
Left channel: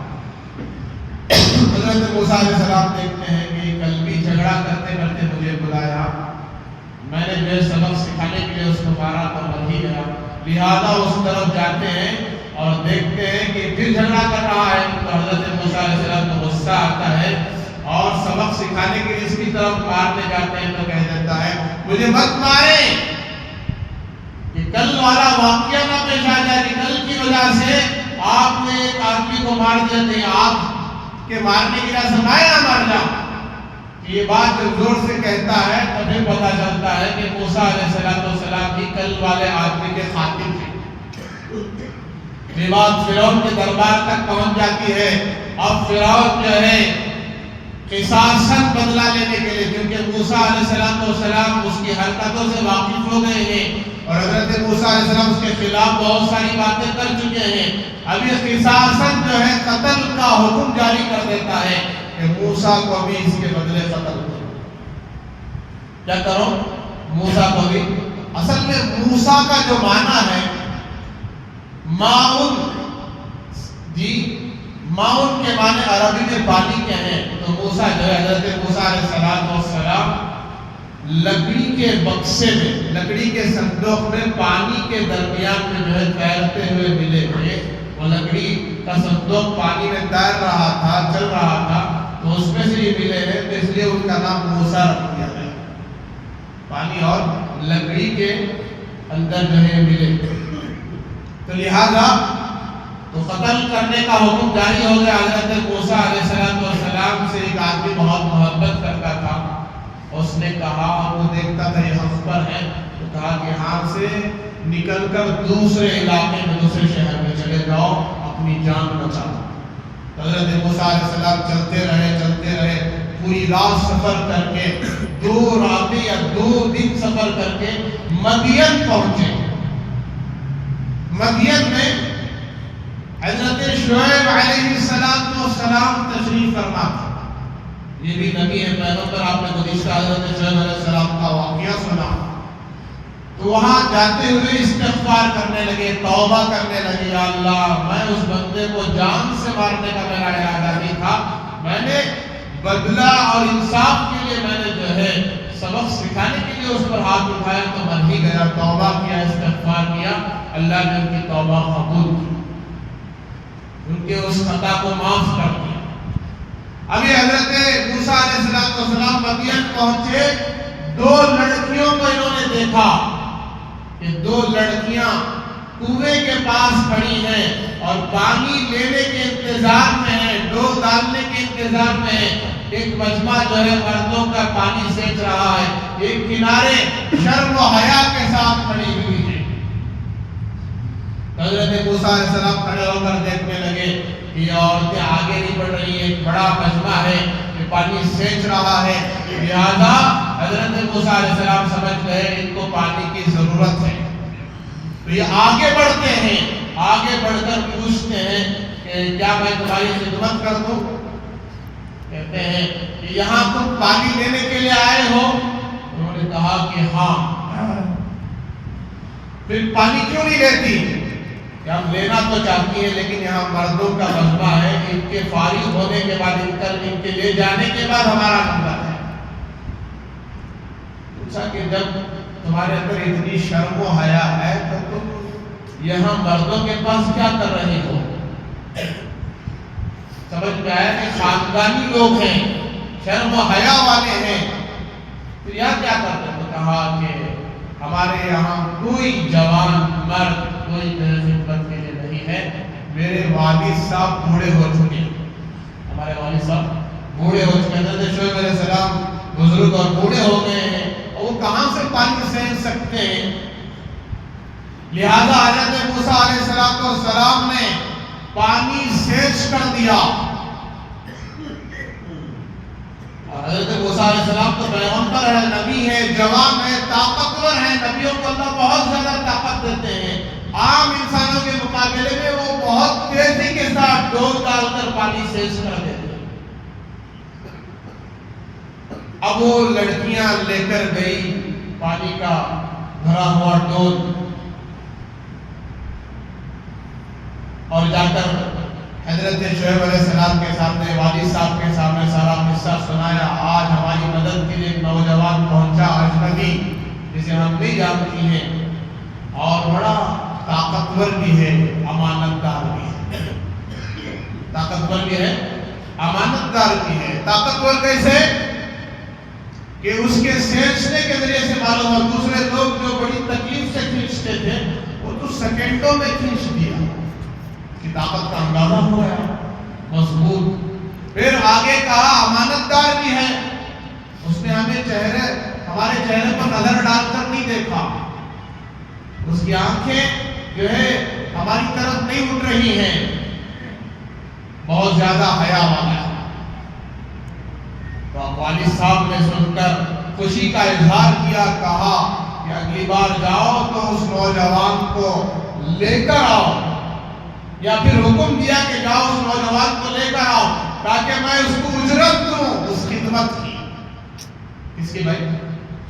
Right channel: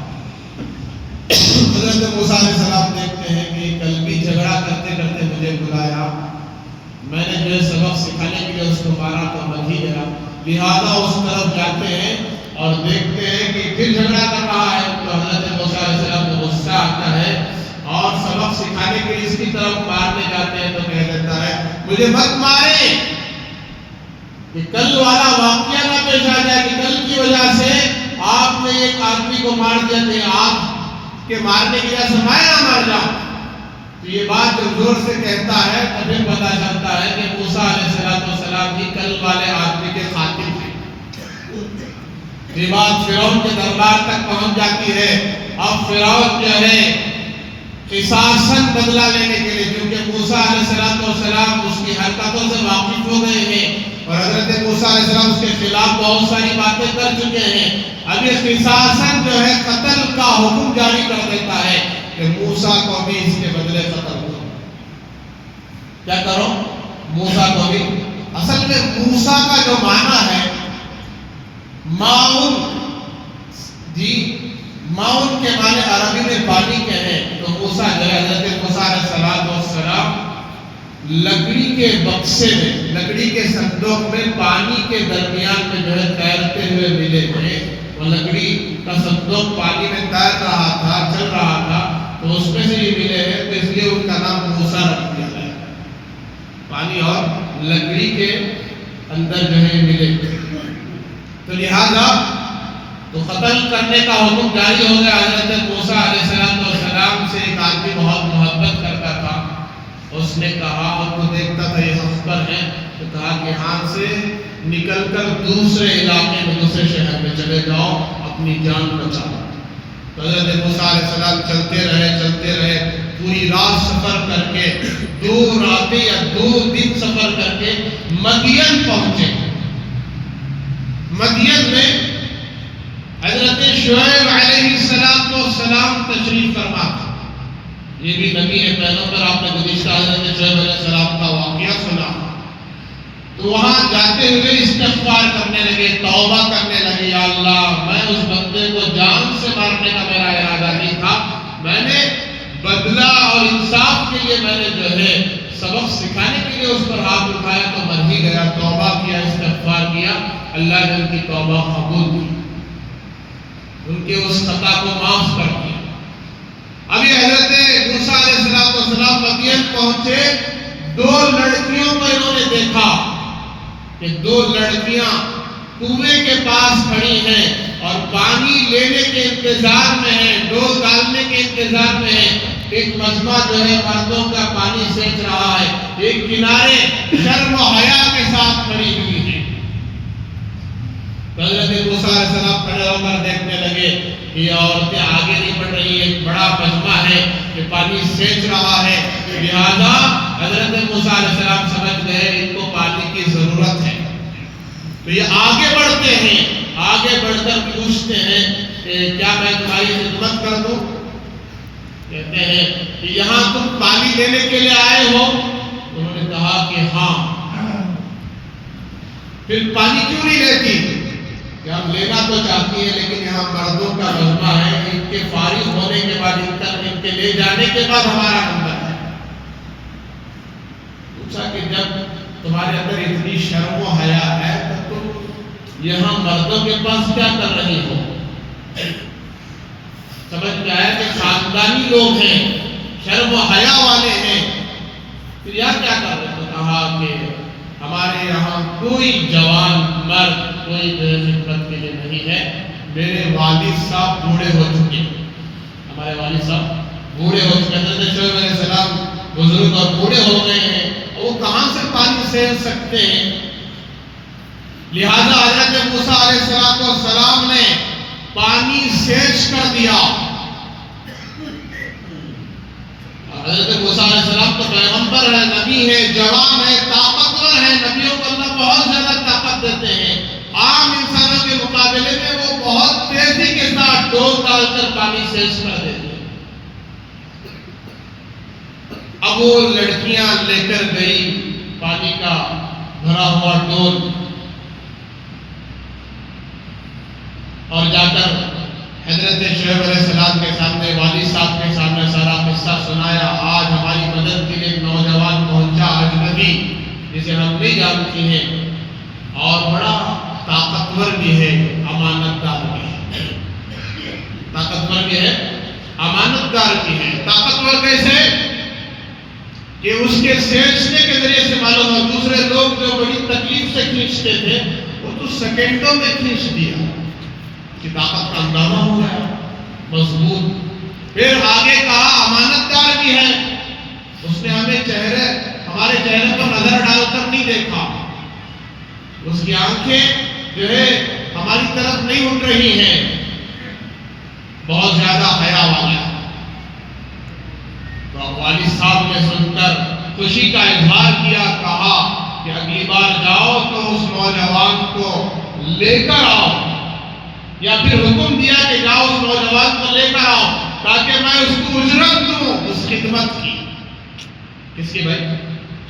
حضرت موسیٰ علیہ السلام دیکھتے ہیں کہ کل بھی جھگڑا کرتے کرتے مجھے بلایا، میں نے جو سبق سکھانے کے لیے اس کو مارا تو مر ہی گیا، لہذا اس طرف جاتے ہیں اور دیکھتے ہیں کہ پھر جھگڑا کر رہا ہے۔ تو حضرت موسیٰ علیہ السلام کو غصہ آتا ہے اور سبق سکھانے کے لیے اس کی طرف مارنے جاتے ہیں، تو کہہ دیتا ہے مجھے مت مارے، کہ کل والا واقعہ نہ پیش آ جائے کہ کل کی وجہ سے آپ نے ایک آدمی کو مار دیا، تو آپ کے مارنے کی وجہ سے میں نہ مر جاؤں۔ تو یہ بات جب زور سے کہتا ہے تو پھر پتہ چلتا ہے کہ موسیٰ علیہ السلام کی کل والے آدمی کے خاتم ہیں۔ یہ بات فرعون کے دربار تک پہنچ جاتی ہے۔ اب فرعون جو ہے قصاصاً بدلہ لینے کے لیے، کیونکہ موسیٰ علیہ السلام اس کی حرکتوں سے واقف ہو گئے ہیں اور حضرت موسیٰ علیہ السلام اس کے خلاف بہت ساری باتیں کر چکے ہیں، اب یہ قصاصاً جو ہے قتل کا حکم جاری کر دیتا ہے کہ موسیٰ کو بھی اس کے بدلے قتل کرو۔ کیا کرو؟ موسیٰ کو بھی۔ اصل میں موسیٰ کا جو معنی ہے ماؤن، جی ماؤن کے معنی عربی میں پانی کیا ہے؟ تو موسیٰ جو ہے حضرت موسیٰ علیہ السلام لکڑی کے بکسے میں، لکڑی کے صندوق میں پانی کے درمیان میں جو ہے تیرتے ہوئے ملے تھے۔ وہ لکڑی کا صندوق پانی میں تیر رہا تھا، چل رہا تھا، تو اس میں سے یہ ملے ہیں، تو اس لیے ان کا نام موسیٰ رکھ دیا گیا۔ پانی اور لکڑی کے اندر جو ہے ملے، تو لہذا تو قتل کرنے کا حکم جاری ہو گیا۔ حضرت موسیٰ علیہ السلام سے ایک آدمی بہت محبت کرتا تھا، اس نے کہا، وہ دیکھتا تھا یہ حق پر ہے، تو کہا کہ یہاں سے نکل کر دوسرے علاقے میں، دوسرے شہر میں چلے جاؤ، اپنی جان بچاؤ۔ تو حضرت موسیٰ علیہ السلام چلتے رہے، پوری رات سفر کر کے 2 راتیں یا 2 دن سفر کر کے مدین پہنچے۔ مدین میں حضرت شعیب علیہ السلام تشریف فرما تھا۔ یہ بھی نبی ہے، پیغمبر، آپ نے گزشتہ حضرت شعیب علیہ السلام کا واقعہ سنا۔ تو وہاں جاتے ہوئے استغفار کرنے لگے، توبہ کرنے لگے، یا اللہ میں اس بندے کو جان سے مارنے کا میرا ارادہ نہیں تھا، میں نے بدلہ اور انصاف کے لیے میں نے جو ہے سبق سکھانے کے لیے اس پر ہاتھ اٹھایا تو مر ہی گیا۔ توبہ کیا، استغفار کیا، اللہ نے ان کی توبہ قبول کی، ان کے اس خطا کو معاف کر دیا۔ ابھی حضرت موسیٰ علیہ السلام مدین پہنچے، 2 لڑکیوں کو انہوں نے دیکھا کہ 2 لڑکیاں کنویں کے پاس کھڑی ہیں اور پانی لینے کے انتظار میں ہیں، ڈول ڈالنے کے انتظار میں ہیں۔ ایک مجمع جو ہے مردوں کا پانی سینچ رہا ہے، ایک کنارے شرم و حیا کے ساتھ کھڑی ہوئی ہے۔ حضرت موسیٰ علیہ السلام کھڑے ہو کر دیکھنے لگے کہ یہ عورتیں آگے نہیں بڑھ رہی ہیں، ایک بڑا مجمع ہے کہ پانی سینچ رہا ہے، لہذا حضرت موسیٰ علیہ السلام سمجھ گئے ان کو پانی کی ضرورت ہے۔ تو یہ آگے بڑھتے ہیں، آگے بڑھ کر پوچھتے ہیں کہ کیا میں تمہاری خدمت کر دوں؟ کہتے ہیں کہ یہاں تم پانی لینے کے لیے آئے ہو؟ انہوں نے کہا کہ ہاں۔ پھر پانی کیوں نہیں لیتی؟ کہ ہم لینا تو چاہتی ہیں لیکن یہاں مردوں کا مجمع ہے، ان کے فارغ ہونے کے بعد ان کے لے جانے کے بعد ہمارا نمبر ہے۔ پوچھا کہ جب تمہارے اندر اتنی شرم و حیا ہے تو تم یہاں مردوں کے پاس کیا کر رہی ہو؟ سمجھ میں آیا کہ خاندانی لوگ ہیں، شرم و حیا والے ہیں، تو یہاں کیا کر رہے؟ تو کہا کہ ہمارے یہاں کوئی جوان مرد کوئی خدمت کے لیے نہیں ہے، میرے والد صاحب بوڑھے ہو چکے ہیں، ہمارے والد صاحب بوڑھے ہو چکے ہیں، حضرت شعیب علیہ السلام بزرگ اور بوڑھے ہو گئے ہیں، وہ کہاں سے پانی سینچ سکتے ہیں؟ لہذا حضرت موسیٰ علیہ السلام نے پانی سینچ کر دیا۔ حضرت موسیٰ علیہ السلام تو پیغمبر ہے، نبی ہے، جوان ہے، طاقتور ہے، نبیوں کو اللہ بہت زیادہ طاقت دیتے ہیں، عام انسانوں کے مقابلے میں وہ بہت تیزی کے ساتھ ڈول ڈال کر پانی سینچ کر دیتے ہیں۔ اب وہ لڑکیاں لے کر گئی پانی کا بھرا ہوا ڈول اور جا کر حضرت شعیب علیہ السلام کے سامنے، والد صاحب کے سامنے سارا قصہ سنایا۔ آج ہماری مدد کے لیے ایک نوجوان پہنچا، اجنبی، جسے ہم نہیں جانتی ہیں، اور بڑا طاقتور بھی ہے، امانت دار بھی ہے۔ طاقتور بھی ہے، امانت دار بھی ہے۔ طاقتور کیسے؟ کہ اس کے سینچنے کے ذریعے سے معلوم ہو، دوسرے لوگ جو بڑی تکلیف سے کھینچتے تھے وہ تو سیکنڈوں میں کھینچ دیا، کی طاقت کا اندازہ ہو گیا، مضبوط۔ پھر آگے کہا امانت دار بھی ہے، اس نے ہمارے چہرے پر نظر ڈال کر نہیں دیکھا، اس کی آنکھیں جو ہے ہماری طرف نہیں اٹھ رہی ہیں، بہت زیادہ حیا والا ہے۔ تو والد صاحب نے سن کر خوشی کا اظہار کیا، کہا کہ اگلی بار جاؤ تو اس نوجوان کو لے کر آؤ، یا پھر حکم دیا کہ جاؤ اس نوجوان کو لے کر آؤ تاکہ میں اس کو اجرت دوں اس خدمت کی۔ کس کی بھائی؟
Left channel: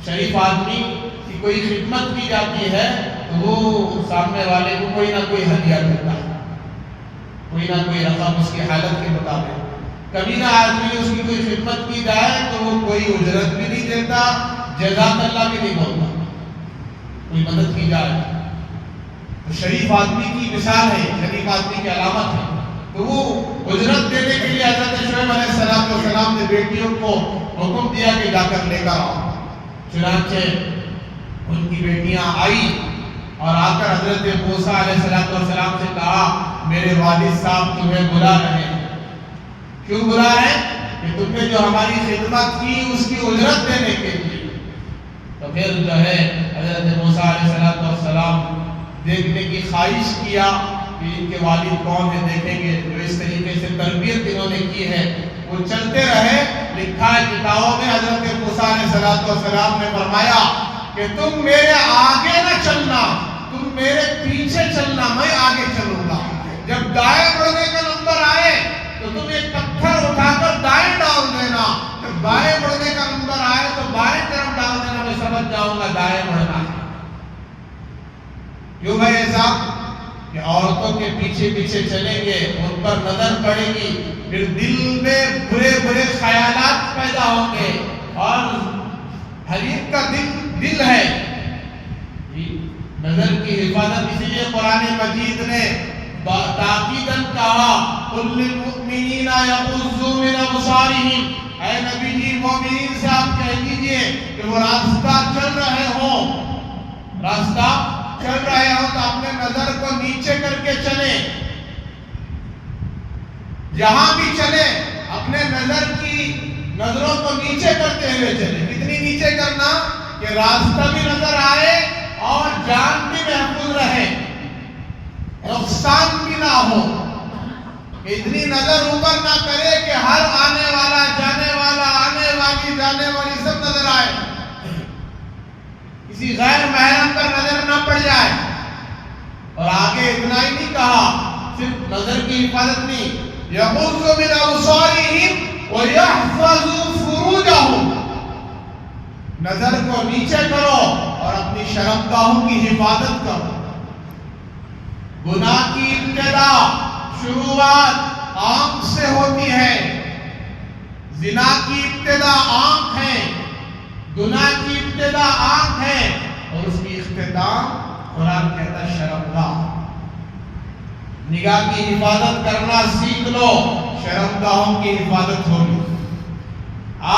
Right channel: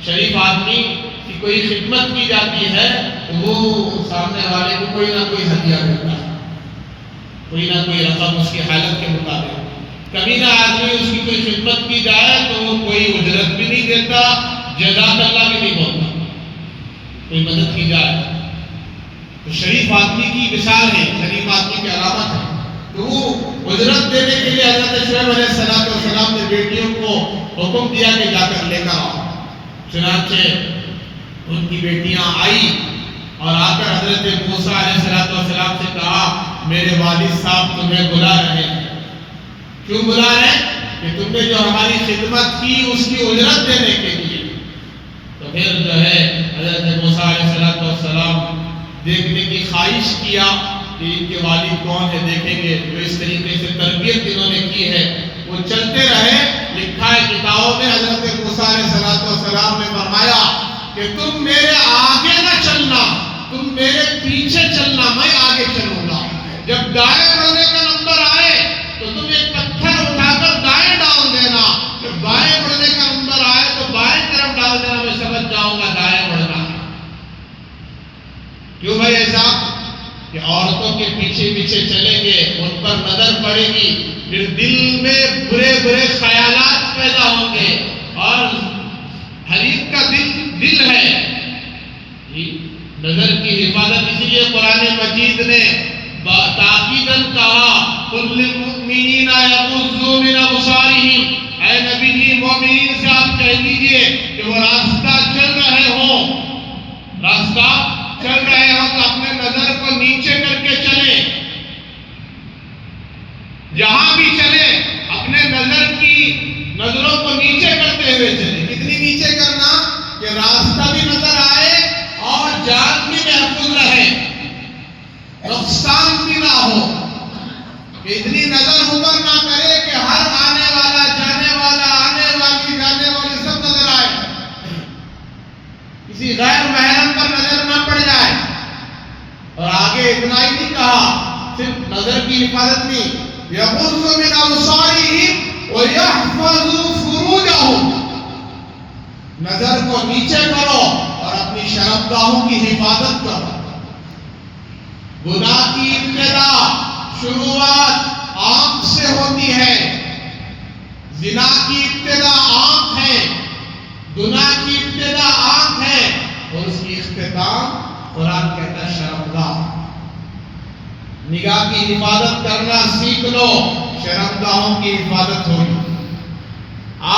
شریف آدمی کی کوئی خدمت کی جاتی ہے تو وہ سامنے والے کو کوئی نہ کوئی ہدیہ دیتا ہے، کوئی نہ کوئی رقم اس کی حالت کے مطابق۔ کبھی نہ آدمی اس کی کوئی خدمت کی جائے تو وہ کوئی اجرت بھی نہیں دیتا، جزاک اللہ بھی نہیں بولتا، کوئی مدد کی جائے تو شریف آدمی کی مثال ہے، شریف آدمی کی علامت ہے۔ تو وہ اجرت دینے کے لیے حضرت شعیب علیہ السلام نے بیٹیوں کو حکم دیا کہ جا کر لے کر آؤ۔ چنانچہ ان کی بیٹیاں آئی اور آ کر حضرت موسیٰ علیہ السلام سے کہا میرے والد صاحب تمہیں بلا رہے ہیں۔ کیوں بلا رہے ہیں؟ کہ تم نے جو ہماری خدمت کی اس کی اجرت دینے کے لیے۔ تو پھر جو ہے حضرت موسیٰ علیہ السلام دیکھنے کی خواہش کیا کہ ان کے والد کون ہے، دیکھیں گے، جو اس طریقے سے تربیت انہوں نے کی ہے وہ چلتے رہے. لکھا ہے کتابوں میں حضرت موسیٰ علیہ السلام نے فرمایا کہ تم میرے آگے نہ چلنا، تم میرے پیچھے چلنا، میں آگے چلوں گا. جب دائیں بڑھنے کا نمبر آئے تو تم ایک پتھر اٹھا کر دائیں ڈال دینا، جب بائیں بڑھنے کا نمبر آئے تو بائیں طرف ڈال دینا، میں سمجھ جاؤں گا دائیں بڑھنا. کیوں بھائی ایسا؟ کہ عورتوں کے پیچھے پیچھے چلیں گے، ان پر نظر پڑے گی، پھر دل میں برے برے خیالات پیدا ہوں گے. اور حریف کا دل ہے نظر کی حفاظت. اسی لیے قرآن مجید نے تاکیداً کہا قُلْ لِلْمُؤْمِنِينَ يَغُضُّوا مِنْ أَبْصَارِهِمْ، اے نبی جی مومنین سے آپ کہہ دیجئے کہ وہ راستہ چل رہے ہوں تو اپنے نظر کو نیچے کر کے چلیں. جہاں بھی چلیں اپنے نظروں کو نیچے کرتے ہوئے چلیں. کتنی نیچے کرنا کہ راستہ بھی نظر آئے اور جان بھی محفوظ رہے، نقصان بھی نہ ہو. کہ اتنی نظر اوپر نہ کرے کہ ہر آنے والا جانے والا، آنے والی جانے والی سب نظر آئے، کسی غیر محرم پر نظر نہ پڑ جائے. اور آگے اتنا ہی نہیں کہا صرف نظر کی حفاظت نہیں، يَغُضُّوا مِنْ أَبْصَارِهِمْ وَيَحْفَظُوا فُرُوجَهُمْ، نظر کو نیچے کرو اور اپنی شرمگاہوں کی حفاظت کرو. گناہ کی ابتدا شروعات آنکھ سے ہوتی ہے. زنا کی ابتدا آنکھ ہے، گناہ کی ابتدا آنکھ ہے، اور اس کی اختتام قرآن کہتا ہے شرمگاہ. نگاہ کی حفاظت کرنا سیکھ لو، شرمگاہوں کی حفاظت ہوگی.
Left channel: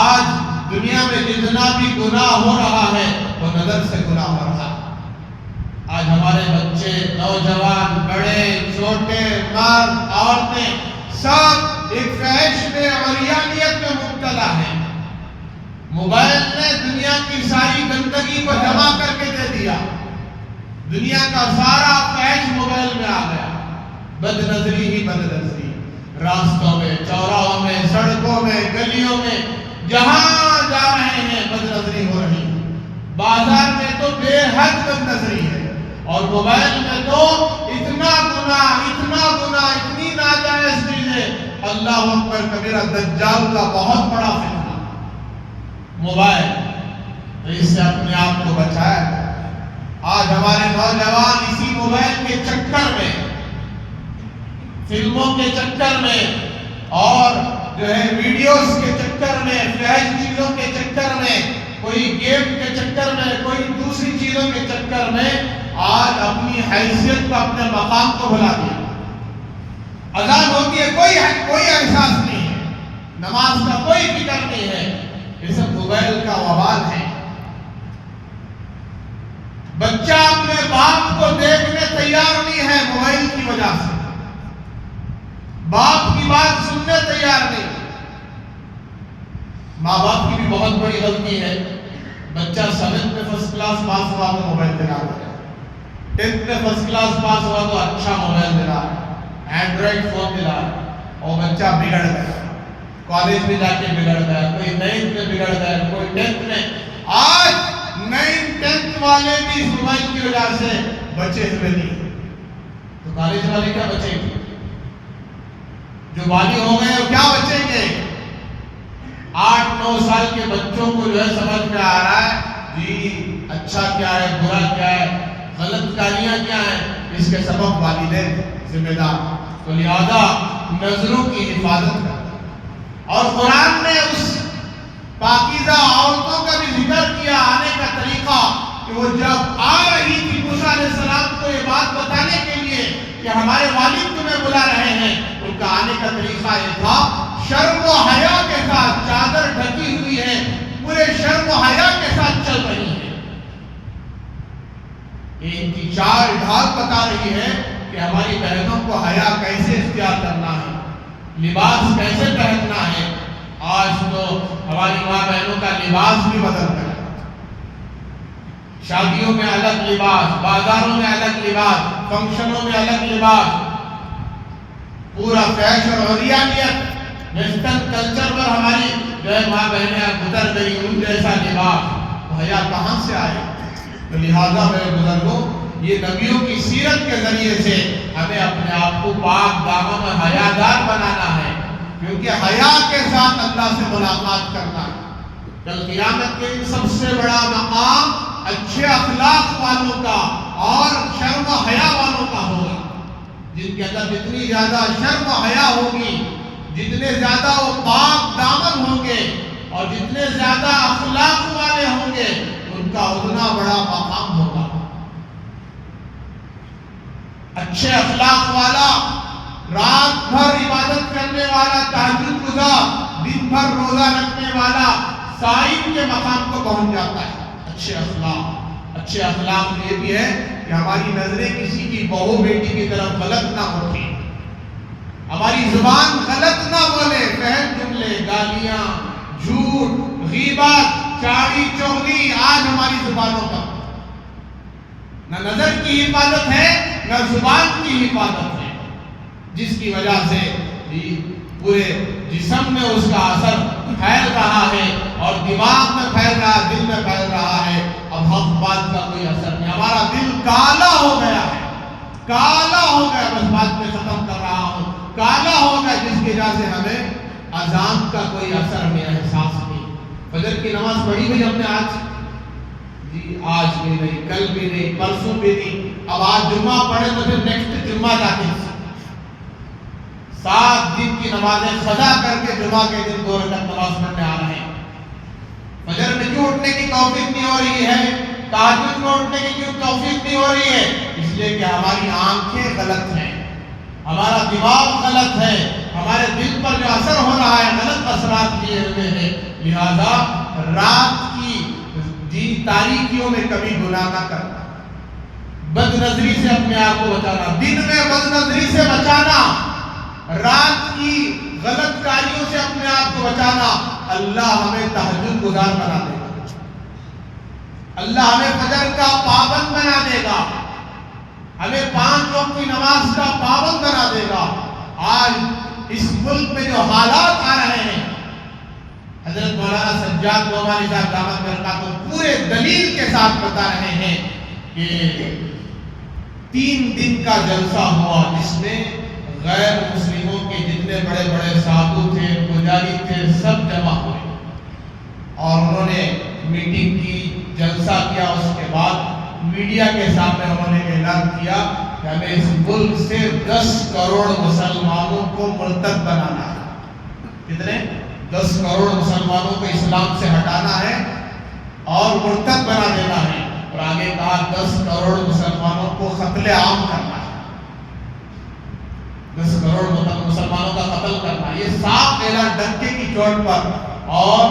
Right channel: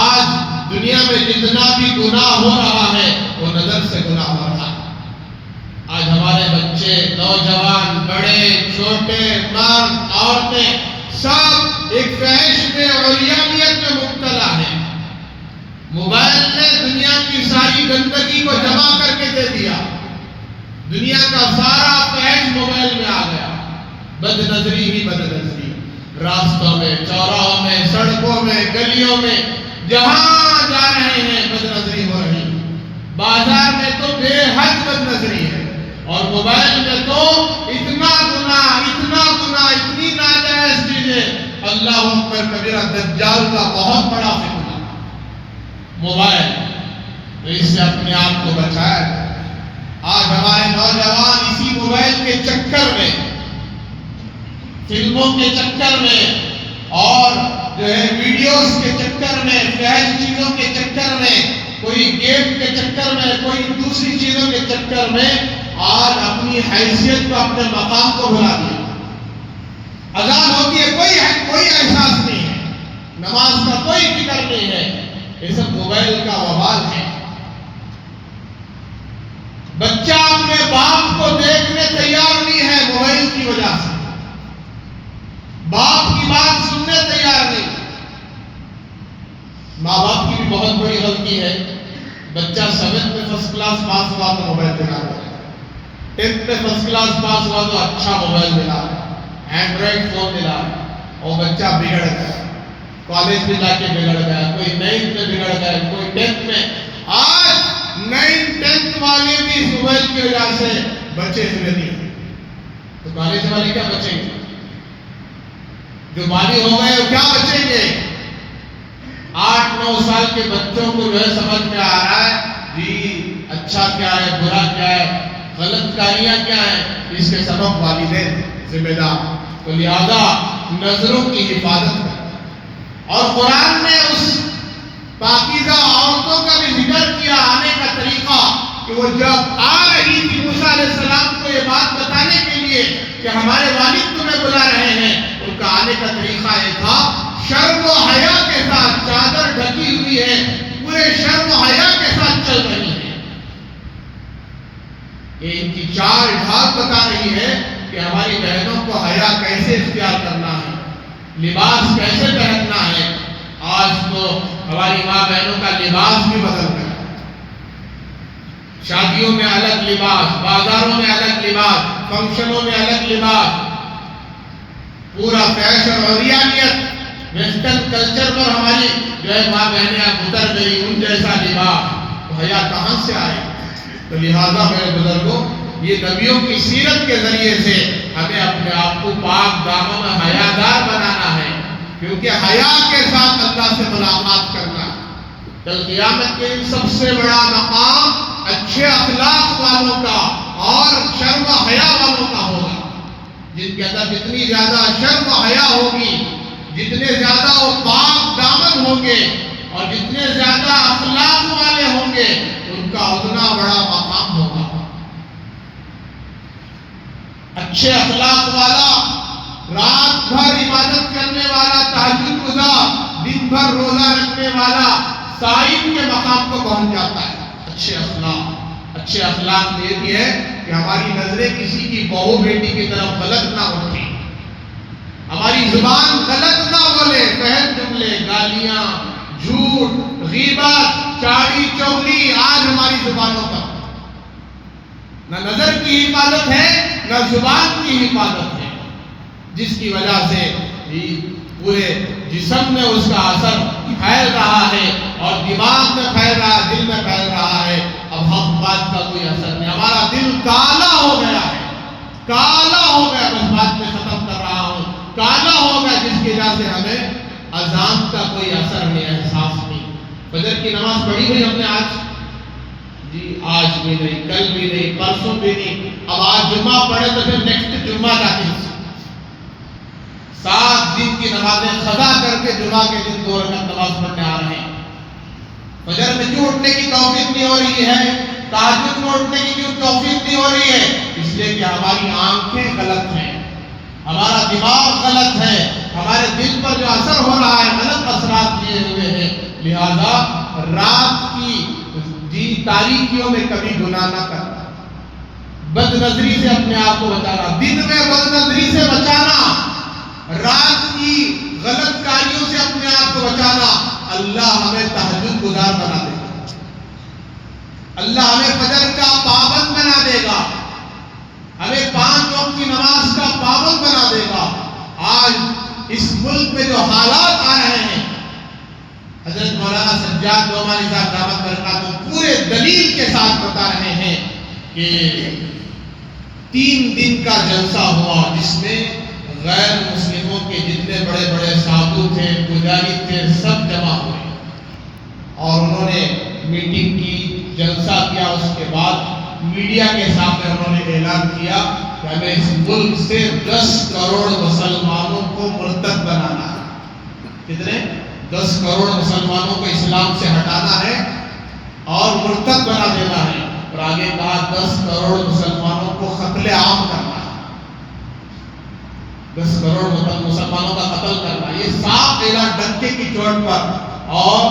آج دنیا میں جتنا بھی گناہ ہو رہا ہے وہ نظر سے گناہ ہو رہا ہے. آج ہمارے بچے، نوجوان، بڑے، چھوٹے، مرد، عورتیں سب ایک فحش میں عریانیت میں مبتلا ہیں. موبائل نے دنیا کی ساری گندگی کو جمع کر کے دے دیا. دنیا کا سارا فحش موبائل میں آ گیا. بد نظری ہی بد نظری، راستوں میں، چوراہوں میں، سڑکوں میں، گلیوں میں، جہاں جا رہے ہیں بد نظری ہو رہی. بازار میں تو بے حد بد نظری ہے، اور موبائل میں تو اتنا گناہ، اتنی ناجائز چیزیں. اللہ اکبر کبیرہ، دجال کا بہت بڑا فتنہ موبائل. تو اس سے اپنے آپ کو بچایا جائے. آج ہمارے نوجوان اسی موبائل کے چکر میں، فلموں کے چکر میں، اور جو ہے ویڈیوز کے چکر میں، فحش چیزوں کے چکر میں، کوئی گیم کے چکر میں، کوئی دوسری چیزوں کے چکر میں آج اپنی حیثیت کو، اپنے مقام کو بھلا دیا. اذان ہوتی ہے، کوئی احساس نہیں ہے، نماز کا کوئی فکر نہیں ہے. یہ سب موبائل کا وبال ہے. بچہ اپنے باپ کو دیکھنے تیار نہیں ہے موبائل کی وجہ سے. باپ کی بات سننے تیار نہیں. ماں باپ کی بھی بہت بڑی غلطی ہے. بچہ 7th میں فرسٹ کلاس پاس ہوا تو موبائل دلا رہا ہے، 10th میں فرسٹ کلاس پاس ہوا تو اچھا موبائل دلا رہا ہے، اینڈرائڈ فون دلا رہا ہے. اور بچہ بگڑ گیا، کالج میں جا کے بگڑ گیا، کوئی 9th میں بگڑ گیا، کوئی 10th میں. آج 9th 10th والے بھی اس موبائل کی وجہ سے بچے ہوئے نہیں، تو کالج والے کیا بچیں گے؟ جو بالی ہو گئے وہ کیا بچیں گے؟ 8-9 سال کے بچوں کو جو ہے سمجھ میں آ رہا ہے جی اچھا کیا ہے، برا کیا ہے، غلط کاریاں کیا ہیں. اس کے سبب والدین ذمہ دار. تو لہذا نظروں کی حفاظت کریں. اور قرآن نے اس پاکیزہ عورتوں کا بھی ذکر کیا آنے کا طریقہ، کہ وہ جب آ رہی تھی موسیٰ علیہ السلام کو یہ بات بتانے کے لیے کہ ہمارے والد تمہیں بلا رہے ہیں، ان کا آنے کا طریقہ یہ تھا شرم و حیا کے ساتھ. چادر ڈھکی ہوئی ہے، پورے شرم و حیا کے ساتھ چل رہی ہے. یہ ان کی چال ڈھال بتا رہی ہے کہ ہماری بہنوں کو حیا کیسے اختیار کرنا ہے، لباس کیسے پہننا ہے. آج تو ہماری ماں بہنوں کا لباس بھی بدل گیا. شادیوں میں الگ لباس، بازاروں میں الگ لباس، فنکشنوں میں الگ لباس، پورا فیشن اور عریانیت. ویسٹرن کلچر پر ہماری جو ہے ماں بہنیں اب اتر گئی، ان جیسا لباس، تو حیا کہاں سے آئے؟ تو لہٰذا میرے بزرگوں، یہ نبیوں کی سیرت کے ذریعے سے ہمیں اپنے آپ کو پاک دامن حیادار بنانا ہے، کیونکہ حیا کے ساتھ اللہ سے ملاقات کرنا ہے۔ کل قیامت کے دن سب سے بڑا مقام اچھے اخلاق والوں کا اور شرم و حیا والوں کا ہوگا۔ جن کے اندر جتنی زیادہ شرم و حیا ہوگی، جتنے زیادہ وہ پاک دامن ہوں گے اور جتنے زیادہ اخلاق والے ہوں گے، ان کا اتنا بڑا مقام ہوگا۔ اچھے اخلاق والا، رات بھر عبادت کرنے والا، تہجد گزار، دن بھر روزہ رکھنے والا صائم کے مقام کو پہنچ جاتا ہے۔ اچھے اخلاق میں یہ بھی ہے کہ ہماری نظریں کسی کی بہو بیٹی کی طرف غلط نہ اٹھیں، ہماری زبان غلط نہ بولے، فحش جملے، گالیاں، جھوٹ، غیبت، چاڑی چغلی آج ہماری زبانوں پر نہ نظر کی حفاظت ہے نہ زبان کی حفاظت ہے، جس کی وجہ سے پورے جسم میں اس کا اثر پھیل رہا ہے اور دماغ میں پھیل رہا ہے، دل میں پھیل رہا ہے۔ اب حق بات کا کوئی اثر نہیں، ہمارا دل کالا ہو گیا ہے، کالا ہو گیا، بس بات میں ختم کر رہا ہوں، کالا ہو گیا، جس کی وجہ سے ہمیں اذان کا کوئی اثر نہیں، احساس نہیں۔ فجر کی نماز پڑھی ہوئی ہم نے آج؟ جی آج بھی نہیں، کل بھی نہیں، پرسوں بھی نہیں۔ اب آج جمعہ پڑھے تو پھر نیکسٹ جمعہ جاتے ہیں 7 دن کی نمازیں قضا کر کے جمعہ کے دن 2 رکعت نماز پڑھنے آ رہے ہیں۔ فجر میں کیوں اٹھنے کی توفیق نہیں ہو رہی ہے؟ تہجد میں اٹھنے کی کیوں توفیق نہیں ہو رہی ہے؟ اس لیے کہ ہماری آنکھیں غلط ہیں، ہمارا دماغ غلط ہے، ہمارے دل پر جو اثر ہو رہا ہے غلط اثرات لیے ہوئے ہیں۔ لہذا رات کی تاریکیوں میں کبھی گناہ نہ کرنا، بد نظری سے اپنے آپ کو بچانا، دن میں بد نظری سے بچانا، رات کی غلط کاریوں سے اپنے آپ کو بچانا۔ اللہ ہمیں تہجد گزار بنا دے گا، اللہ ہمیں فجر کا پابند بنا دے گا، ہمیں 5 وقت کی نماز کا پابند بنا دے گا۔ آج اس ملک میں جو حالات آ رہے ہیں، حضرت مولانا سجاد نعمانی صاحب دامت برکاتہ پورے دلیل کے ساتھ بتا رہے ہیں کہ 3 دن کا جلسہ ہوا جس میں غیر مسلموں کے جتنے بڑے بڑے سادھو تھے، پجاری تھے، سب جمع ہوئے اور انہوں نے میٹنگ کی، جلسہ کیا۔ اس کے بعد میڈیا کے سامنے انہوں نے اعلان کیا کہ ہمیں اس ملک سے 10 کروڑ مسلمانوں کو مرتد بنانا ہے۔ کتنے؟ 10 کروڑ مسلمانوں کو اسلام سے ہٹانا ہے اور مرتد بنا دینا ہے، اور آگے کہا 10 کروڑ مسلمانوں کو قتل عام کرنا ہے، 10 کروڑ مسلمانوں کا قتل کرنا۔ یہ صاف اعلان ڈنکے کی چوٹ پر، اور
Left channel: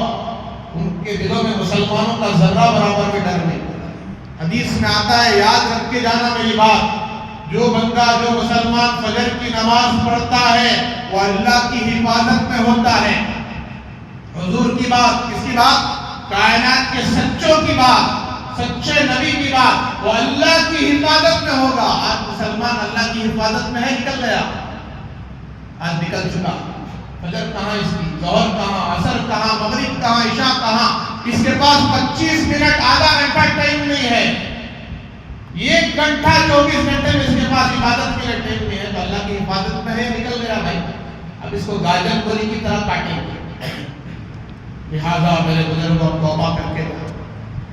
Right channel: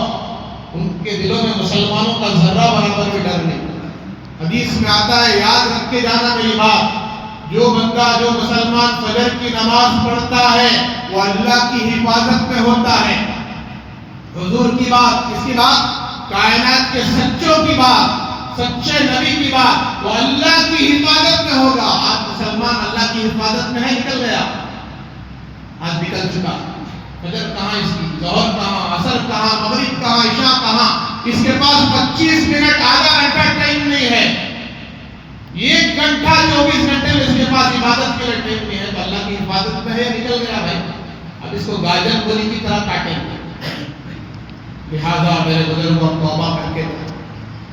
ان کے دلوں میں مسلمانوں کا ذرہ برابر بھی ڈر نہیں۔ حدیث میں آتا ہے، یاد رکھ کے جانا میری بات، جو بندہ، جو مسلمان فجر کی نماز پڑھتا ہے وہ اللہ کی حفاظت میں ہوتا ہے۔ حضور کی بات، کس کی بات؟ کائنات کے سچوں کی بات، سچے نبی کی بات، وہ اللہ کی حفاظت میں ہوگا۔ آج مسلمان اللہ کی حفاظت میں ہے، نکل گیا، آج نکل چکا۔ فجر کہاں اس کی، ظہر کہاں، عصر کہاں، مغرب کہاں، عشاء کہاں؟ اس کے پاس 25 منٹ، آدھا گھنٹہ ٹائم نہیں ہے، 1 گھنٹہ 24 گھنٹے میں اس کے پاس عبادت کے لیے ٹائم نہیں ہے، تو اللہ کی حفاظت میں ہے، نکل گیا بھائی۔ اب اس کو گاجر گولی کی طرح کاٹیں گے۔ لہٰذا میرے بزرگوں، توبہ کر کے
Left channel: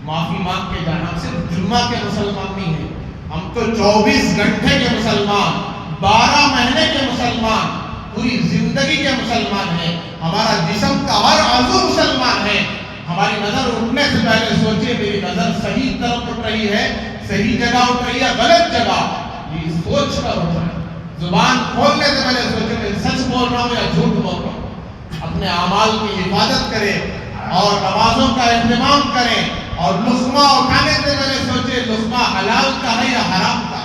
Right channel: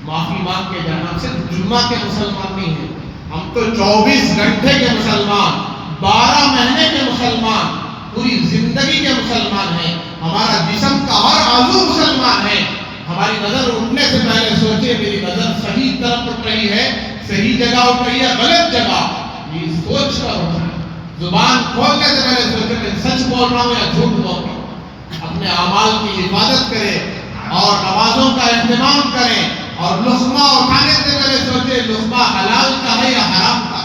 معافی مانگ کے جانا۔ ہم صرف جمعہ کے مسلمان نہیں ہیں، ہم تو 24 گھنٹے کے مسلمان، 12 مہینے کے مسلمان، پوری زندگی کے مسلمان ہیں۔ ہمارا جسم کا ہر عضو مسلمان ہے۔ ہماری نظر اٹھنے سے پہلے سوچے میری نظر صحیح طرف اٹھ رہی ہے، صحیح جگہ اٹھ رہی ہے، غلط جگہ، یہ سوچ کر اٹھ رہا ہے۔ زبان کھولنے سے پہلے سوچے میں سچ بول رہا ہوں یا جھوٹ بول رہا ہوں۔ اپنے اعمال کی حفاظت کریں اور نمازوں کا اہتمام کریں، اور لقمہ اٹھانے سے پہلے سوچے لقمہ حلال کا ہے یا حرام کا۔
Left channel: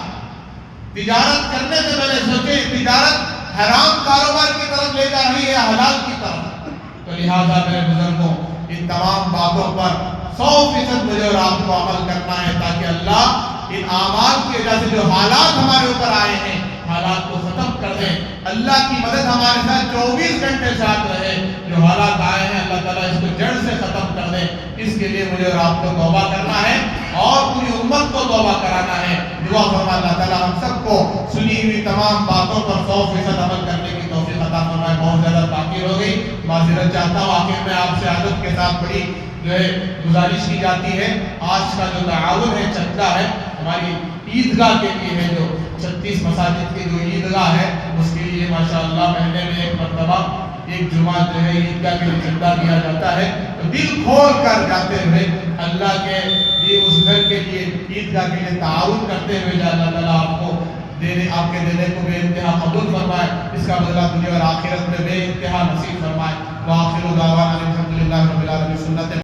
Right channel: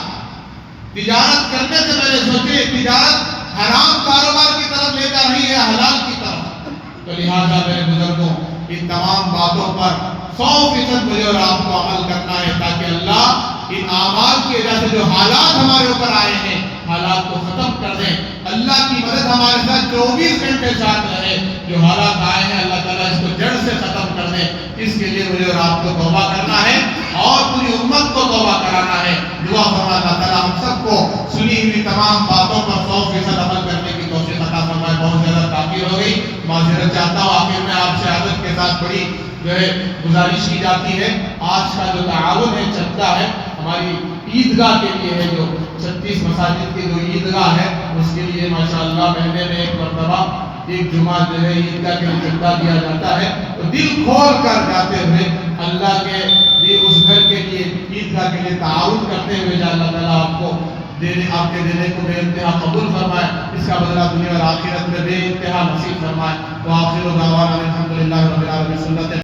تجارت کرنے سے پہلے سوچے تجارت حرام کاروبار کی طرف لے کر رہی ہے یا حلال کی طرف۔ تو لہٰذا میرے بزرگوں، ان تمام باتوں پر 100% مجھے اور آپ کو عمل کرنا ہے، تاکہ اللہ ان اعمال کی وجہ سے جو حالات ہمارے اوپر آئے ہیں، حالات کو ختم کر دیں۔ اللہ کی مدد ہمارے ساتھ 24 گھنٹے ساتھ رہے. جو حالات آئے ہیں اللہ تعالیٰ اس کو جڑ سے ختم کر دے. اس کے لیے مجھے اور آپ کو توبہ کرنا ہے اور پوری امت کو توبہ کرانا ہے. دعا فرمائے اللہ تعالیٰ ہم سب کو سنی ہوئی تمام باتوں پر 100% عمل کرنے کی توفیق عطا فرمائے. بہت زیادہ تاخیر ہو گئی, معذرت چاہتا ہوں. آخر میں آپ سے عادت کے ساتھ بڑی جو ہے گزارش کی جاتی ہے, آج کا جو تعاون ہے چندہ ہے ہماری عیدگاہ کے لیے ہے, جو 36 مساجد کی جو عیدگاہ ہے اس کے لیے ماشاءاللہ مہینے میں ایک مرتبہ ایک جمعہ جو ہے عیدگاہ کے لیے چندہ دیا جاتا ہے. تو دل کھول کر جاتے ہوئے اللہ کے لیے اس گھر کے لیے عیدگاہ کے لیے تعاون کرتے ہوئے یا اللہ تعالیٰ آپ کو آپ کے دینے کو بے انتہا قبول فرمائے, اس کا بدلہ دنیا اور آخرت میں بے انتہا نصیب فرمائے. وآخر دعوانا الحمدللہ رب العالمین.